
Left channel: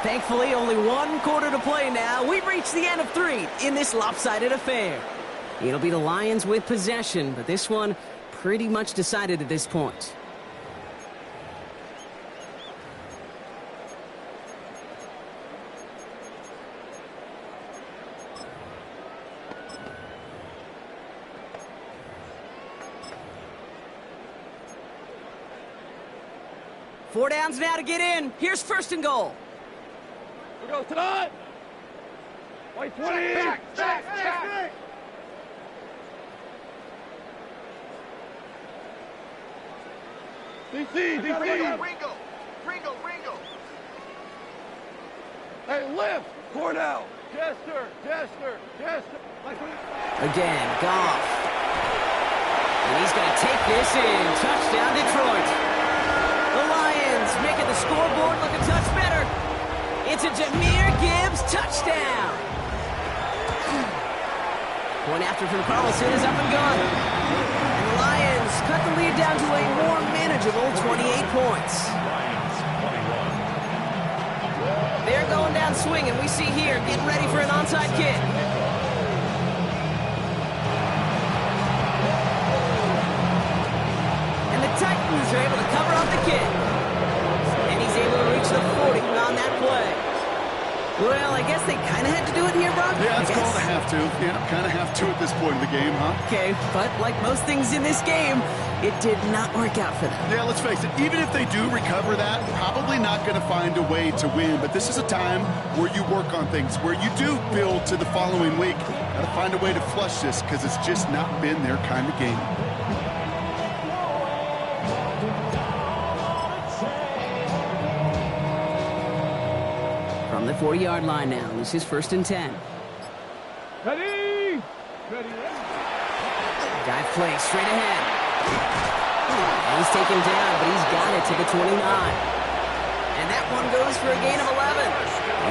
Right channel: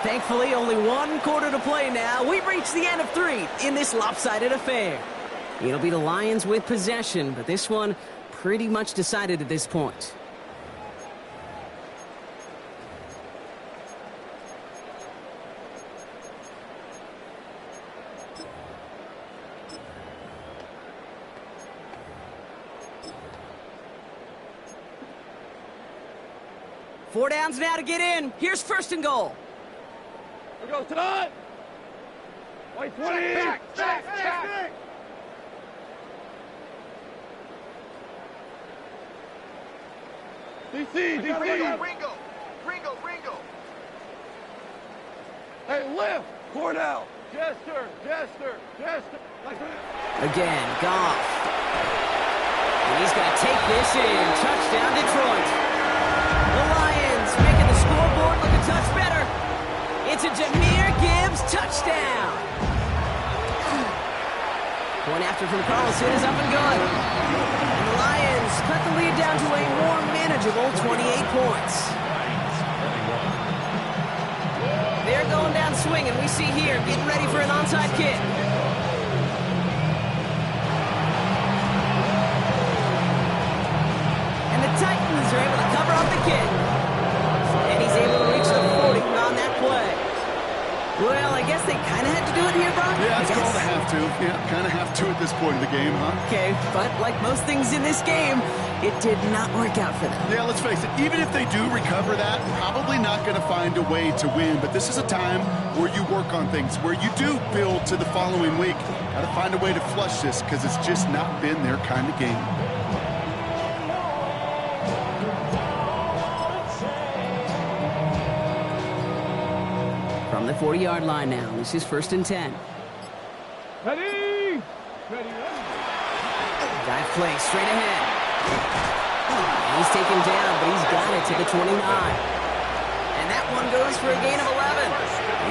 Thankfully, only one quarter to play now. We've reached the end of 3 in this lopsided affair. It'll be the Lions with possession, but this one pretty much decided at this point. Four downs now to get in. Here's first and goal. Here goes tonight. White 20. Back. DC. Ringo. Hey, lift. Cornell. Jester. Again, Goff. And he's going to take this in. Touchdown, Detroit. The Lions making the scoreboard look a touch better. It's a Jahmyr Gibbs touchdown. Point after from Carlson is up and good. And the Lions cut the lead down to a more manageable 28 points. Lions 21. They're going down swinging. We see here getting ready for an onside kick. And the Titans are able to cover up the kick. And he's able to reach the 40 on that play. Well, I guess they kind of had to do it here, Brock. Yeah, it's called a have to. Yeah, kind of have to at this point in the game, huh? Okay, but like most things in this game, it did not work out for them. Yeah, let's face it. Even if they do recover that, probably not going to find a way to win. But this is a time where you work on things, where you do build to the following week. Got to find a way to flush this because it's just not been their kind of game. From the 40-yard line now, this is first and 10. Ready. Dive play straight ahead. And he's taken down, but he's got it to the 29. And that one goes for a gain of 11.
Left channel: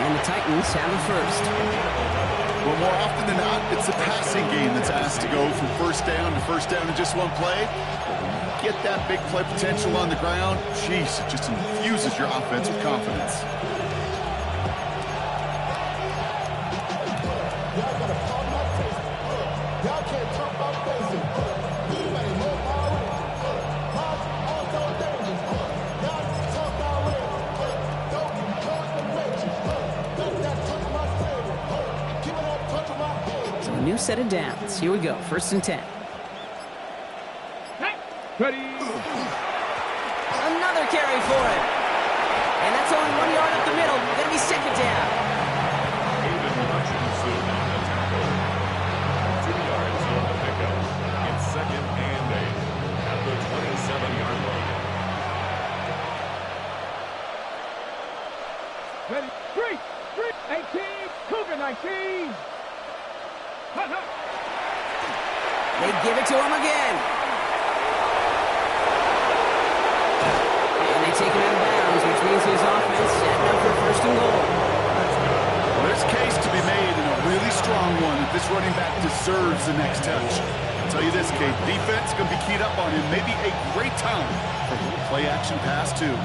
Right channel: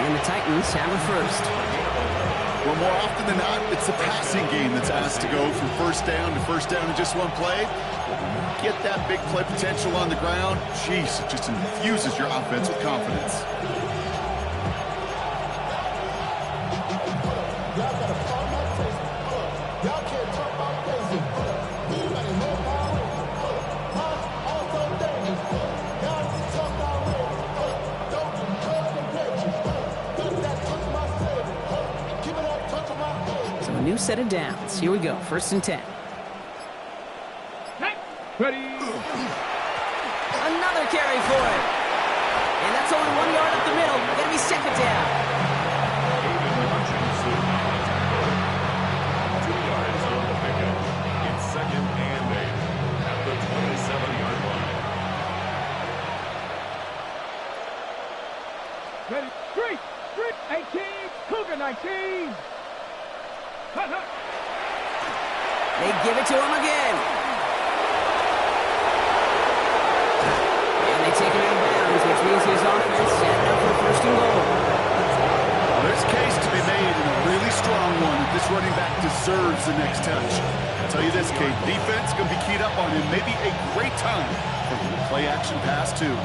And the Titans have a first. Well, more often than not, it's the passing game that's asked to go from first down to first down in just one play. But when you get that big play potential on the ground, geez, it just infuses your offense with confidence. Y'all gotta pump my taste. Y'all can't talk about basic. Anybody more power ranger. Also dangerous. Y'all talk our way. Don't touch the benches. Got that touch my savior. Give me that touch of my head. So a new set of downs. Here we go, first and 10. Ready. Another carry for him. And that's only 1 yard up the middle. Gonna be second down. Aiden Hutchinson on the tackle. 2 yards on the pickup. It's 2nd and 8 at the 27-yard line. Ready, street, 18, Cougar 19. Hut, hut. They give it to him again. And they take him out of bounds, which means his offense setting up for 1st and goal. Well, there's a case to be made, and a really strong one, that this running back deserves the next touch. I'll tell you this, Kate, defense going to be keyed up on him. Maybe a great time for a little play-action pass, too.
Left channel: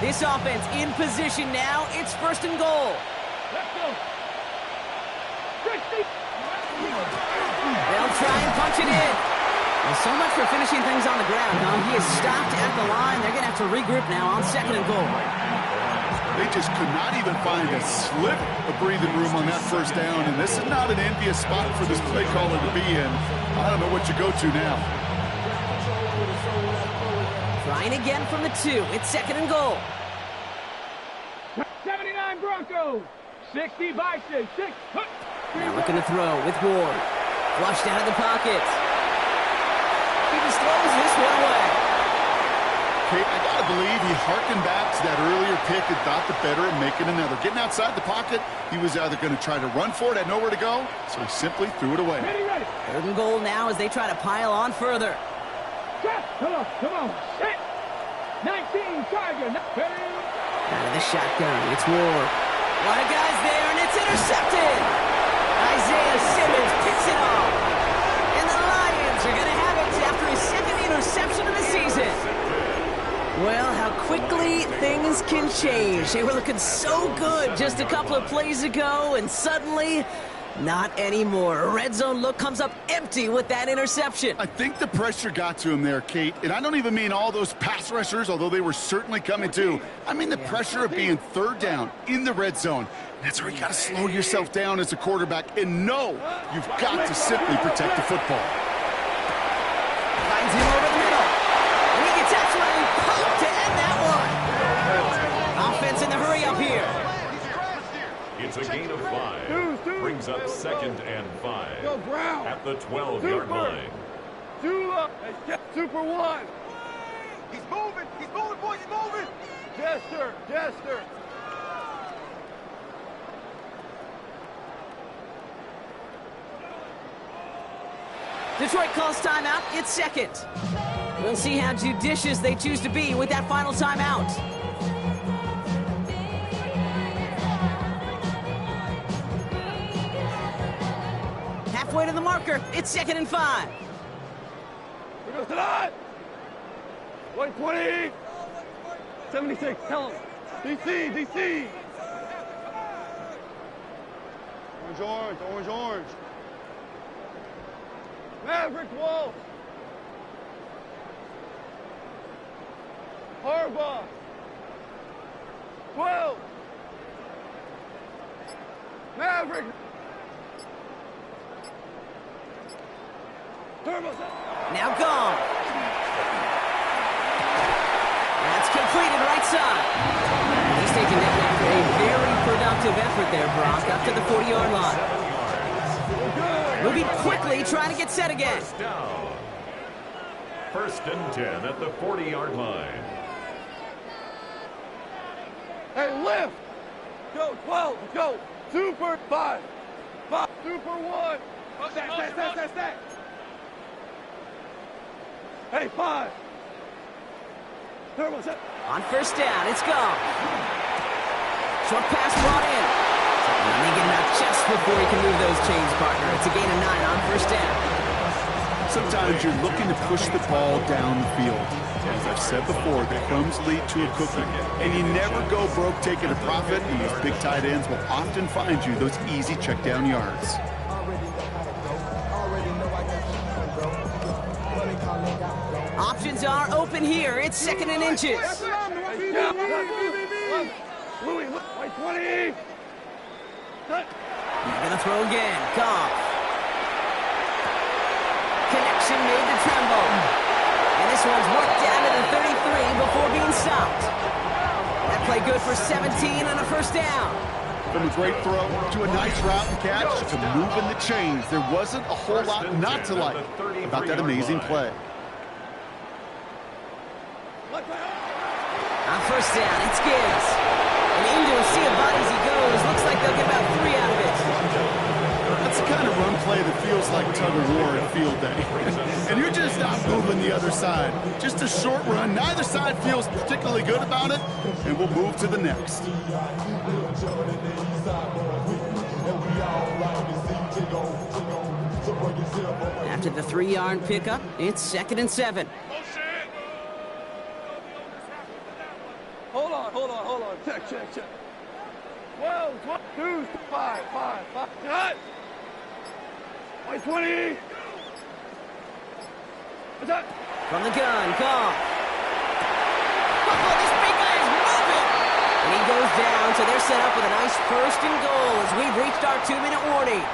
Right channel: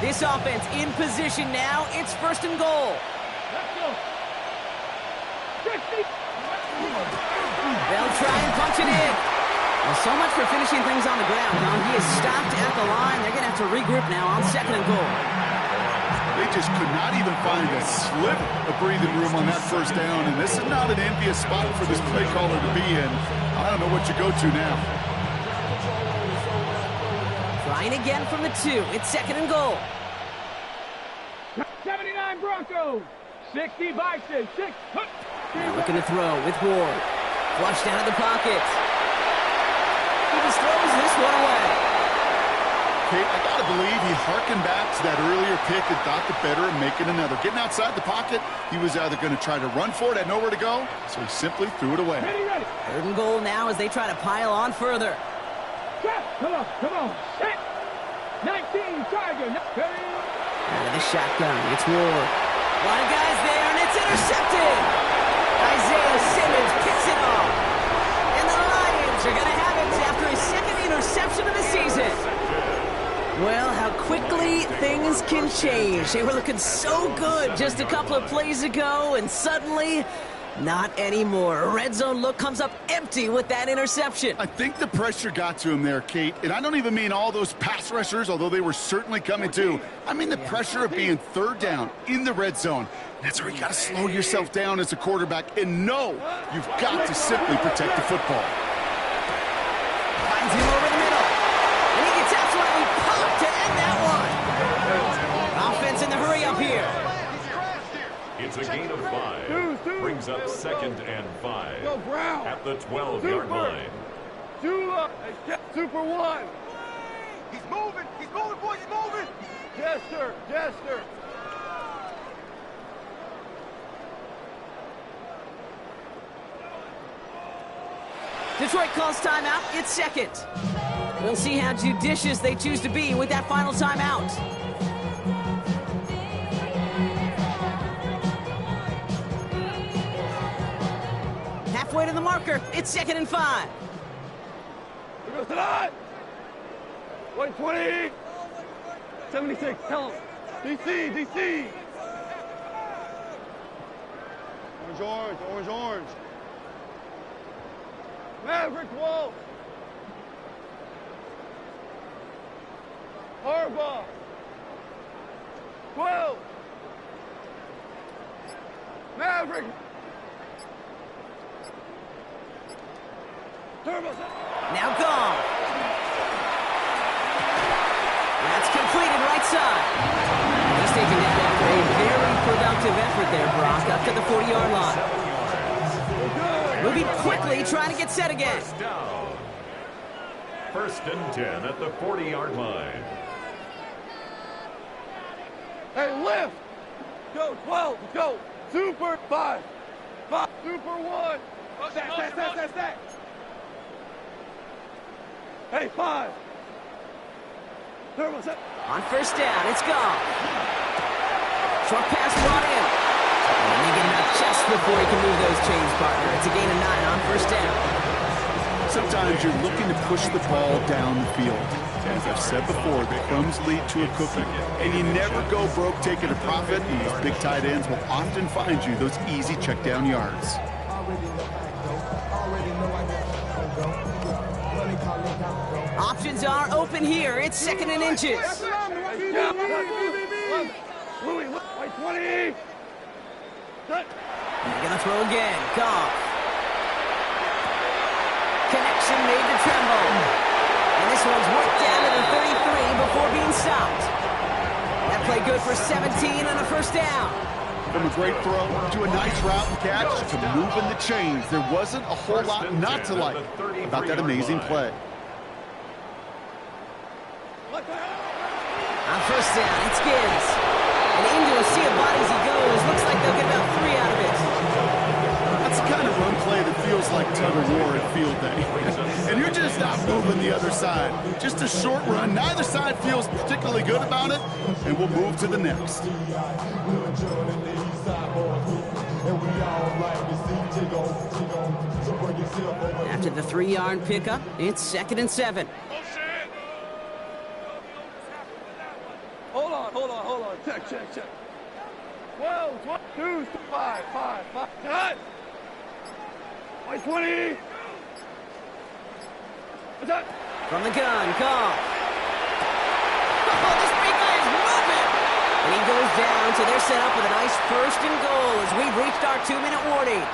This offense in position now. It's 1st and goal. Let's go. 60. They'll try and punch it in. Well, so much for finishing things on the ground, huh? He is stopped at the line. They're going to have to regroup now on 2nd and goal. They just could not even find a sliver of breathing room on that 1st down, and this is not an envious spot for this play caller to be in. I don't know what you go to now. Trying again from the 2. It's 2nd and goal. 79 Broncos. 60 Bison. 6. Now looking to throw with Ward. Flushed out of the pocket. He just throws this one away. Kate, I got to believe he hearkened back to that earlier pick and thought the better of making another. Getting outside the pocket, he was either going to try to run for it, had nowhere to go, so he simply threw it away. Ready. 3rd and goal now as they try to pile on further. Come on. Set. 19 Tiger. Ready. Out of the shotgun, it's Ward. A lot of guys there, and it's intercepted. Isaiah Simmons picks it off. And the Lions are going to have it after his 2nd interception of the season. Well, how quickly things can change. They were looking so good just a couple of plays ago, and suddenly, not anymore. A red zone look comes up empty with that interception. I think the pressure got to him there, Kate, and I don't even mean all those pass rushers, although they were certainly coming too. I mean the pressure of being 3rd down in the red zone. That's where you got to slow yourself down as a quarterback and know you've got to simply protect the football. Finds him over the middle. And he gets absolutely popped to end that one. Offense in the hurry up here. It's a gain of 5. Brings up 2nd and 5 at the 12-yard line. Super 1. He's moving, boys, he's moving. Jester. Detroit calls timeout. It's 2nd. We'll see how judicious they choose to be with that final timeout. Halfway to the marker. It's 2nd and 5. Here goes tonight. 120. 76. Tell him. DC. Orange. Maverick Wolf. Harbaugh. 12. Maverick. Turbo. Now gone. That's completed right side. He's taken down after a very productive effort there, Brock, up to the 40-yard line. Moving quickly, trying to get set again. 1st and 10 at the 40-yard line. Hey, lift. Go, 12. Go. Super 5. Super 1. Stack. Hey, 5. Turbo set. On 1st down, it's gone. Short pass brought in. And they get him out just before he can move those chains, partner. It's a gain of 9 on 1st down. Sometimes you're looking to push the ball down the field. As I've said before, the crumbs lead to a cookie. And you never go broke taking a profit, and these big tight ends will often find you those easy check down yards. Options are open here. It's 2nd and inches. Louis, 20. They're going to throw again. Goff. Connection made to Tremble. And this one's worked down to the 33 before being stopped. That play good for 17 and a first down. From a great throw to a nice route and catch to moving the chains. There wasn't a whole lot not to like about that amazing play. On first down, it's Gibbs. And into a sea of bodies he goes. Looks like they'll get about 3 out of it. That's the kind of run play that feels like tug of war at field day. And you're just not moving the other side. Just a short run. Neither side feels particularly good about it. And we'll move to the next. After the 3-yard pickup, it's 2nd and 7. Hold on. Check. 12, 2, 5. Cut. 20. What's that? From the gun, Goff. Oh, this big guy is moving! And he goes down, so they're set up with a nice 1st and goal as we've reached our 2-minute warning.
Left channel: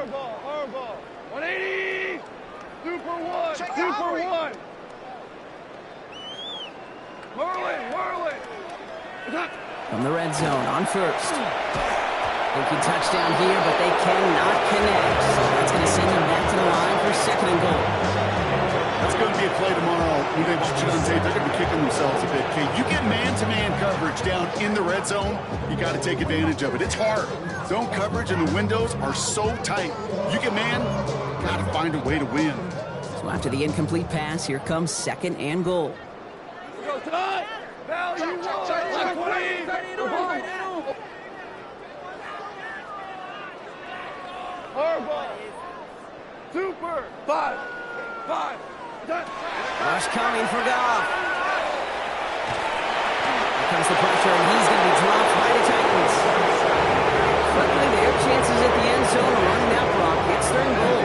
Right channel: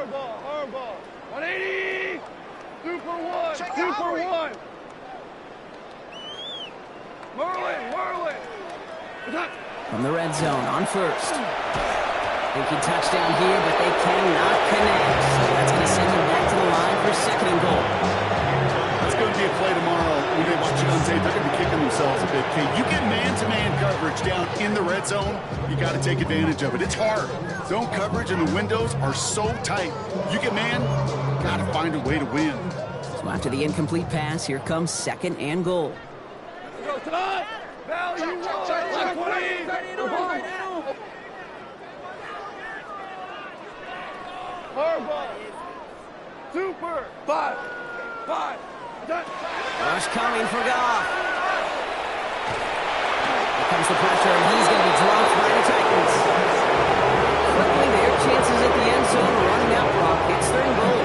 Horrible. 180. Super 1. Merlin. From the red zone on first. Thinking touchdown here, but they cannot connect. So that's going to send them back to the line for 2nd and goal. That's going to be a play tomorrow. When they watch it on tape, they're going to be kicking themselves a bit. Okay, you get man-to-man coverage down in the red zone, you got to take advantage of it. It's hard. Zone coverage and the windows are so tight. You get man, got to find a way to win. So after the incomplete pass, here comes 2nd and goal. Go, Todd. Value 1. Horrible. Super. 5. Rush coming for Goff. Here comes the pressure, and he's going to be dropped by the Titans. Quickly, their chances at the end zone are running out, Brock. It's 3rd and goal.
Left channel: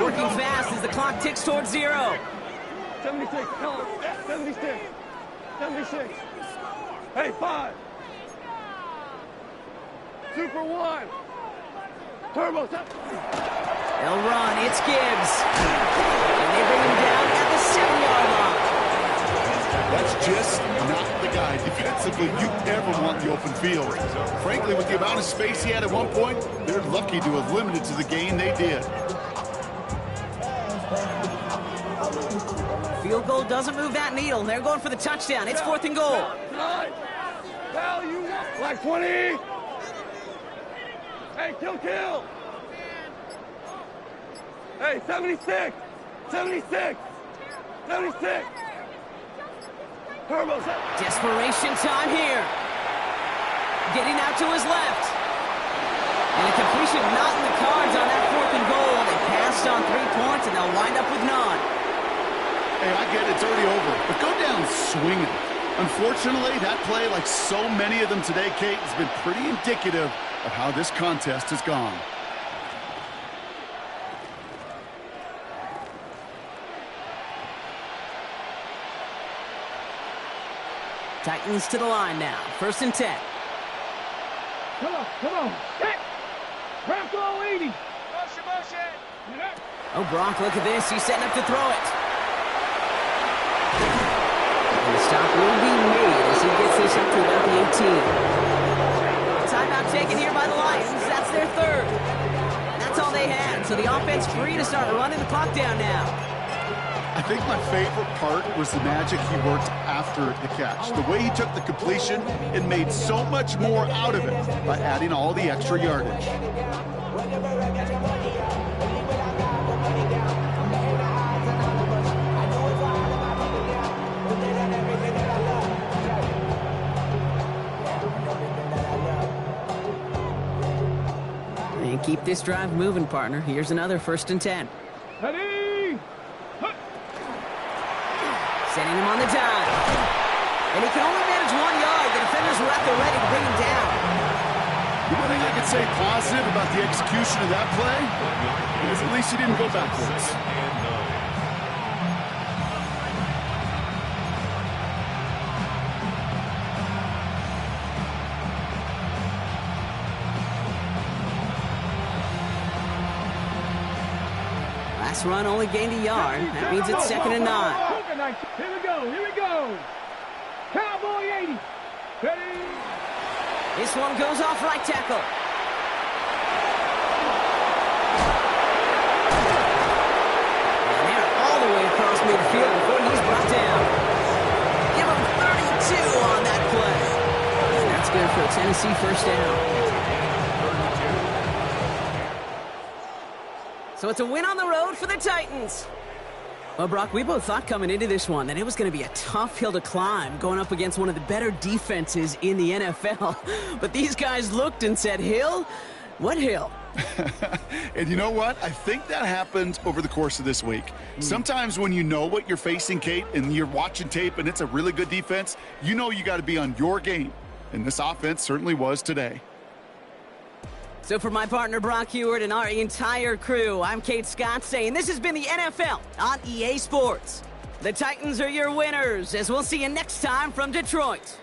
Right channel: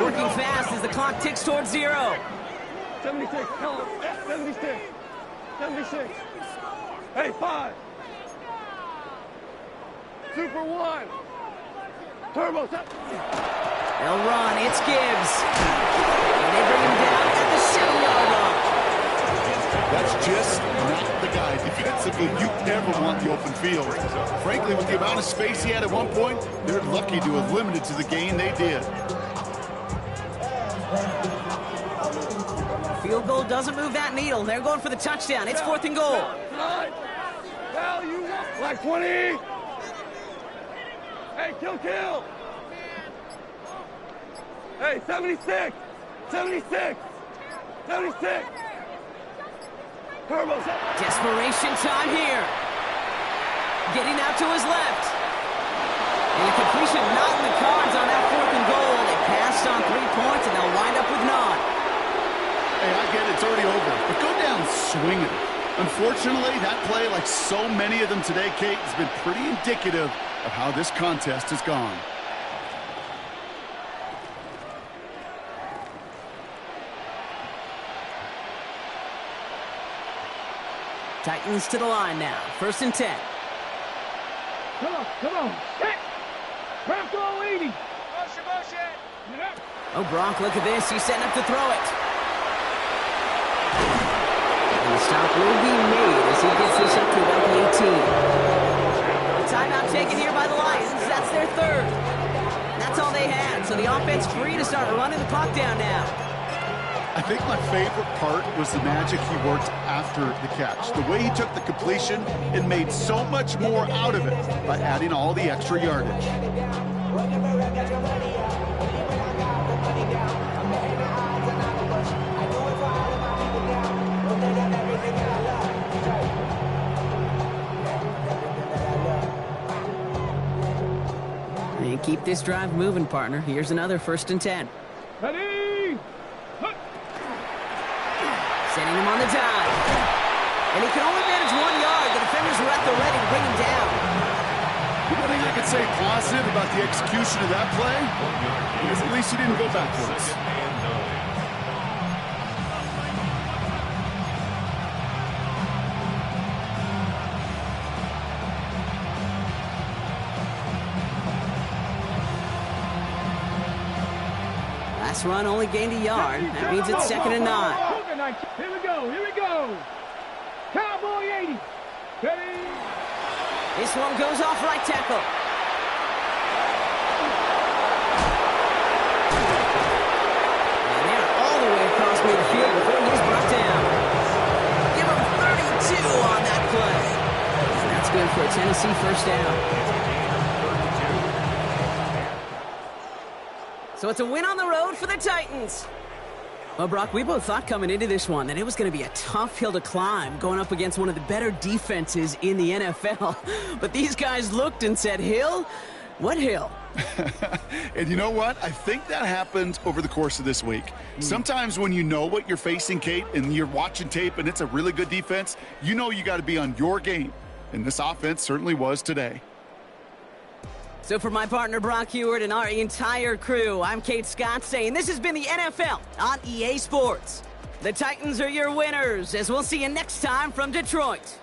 Working fast as the clock ticks towards 0. 76. Tell him. 76. Hey, 5. Super 1. Turbo. They'll run. It's Gibbs. And they bring him down at the 7-yard line. That's just not the guy defensively you ever want the open field. Frankly, with the amount of space he had at one point, they're lucky to have limited to the gain they did. Field goal doesn't move that needle. They're going for the touchdown. It's 4th and goal. Value 1. Like 20. Hey, kill. Hey, 76. Turbo. Desperation time here. Getting out to his left. And a completion not in the cards on that 4th and goal. They passed on 3 points, and they'll wind up with none. Hey, I get it. It's already over. But go down swinging. Unfortunately, that play, like so many of them today, Kate, has been pretty indicative of how this contest has gone. Titans to the line now. 1st and 10. Come on. Check. Ramco 80. Motion. Oh, Brock, look at this. He's setting up to throw it. And the stop will be made as he gets this up to about the 18. The timeout taken here by the Lions. That's their 3rd. That's all they had. So the offense free to start running the clock down now. I think my favorite part was the magic he worked after the catch. The way he took the completion and made so much more out of it by adding all the extra yardage. And keep this drive moving, partner. Here's another 1st and 10. Ready. Setting him on the dive. And he can only manage 1 yard. The defenders were at the ready to bring him down. The one thing I could say positive about the execution of that play is at least he didn't go backwards. Second and 9. Last run only gained a yard. That means it's 2nd and 9. Here we go. Here we go. Cowboy 80. Ready? This one goes off right tackle. And they're all the way across midfield before he's brought down. Give him 32 on that play. And that's good for a Tennessee first down. It's a gain of 32. So it's a win on the road for the Titans. Well, Brock, we both thought coming into this one that it was going to be a tough hill to climb going up against one of the better defenses in the NFL. But these guys looked and said, Hill? What hill? And you know what? I think that happened over the course of this week. Sometimes when you know what you're facing, Kate, and you're watching tape and it's a really good defense, you know you got to be on your game. And this offense certainly was today. So for my partner Brock Heward and our entire crew, I'm Kate Scott saying this has been the NFL on EA Sports. The Titans are your winners, as we'll see you next time from Detroit.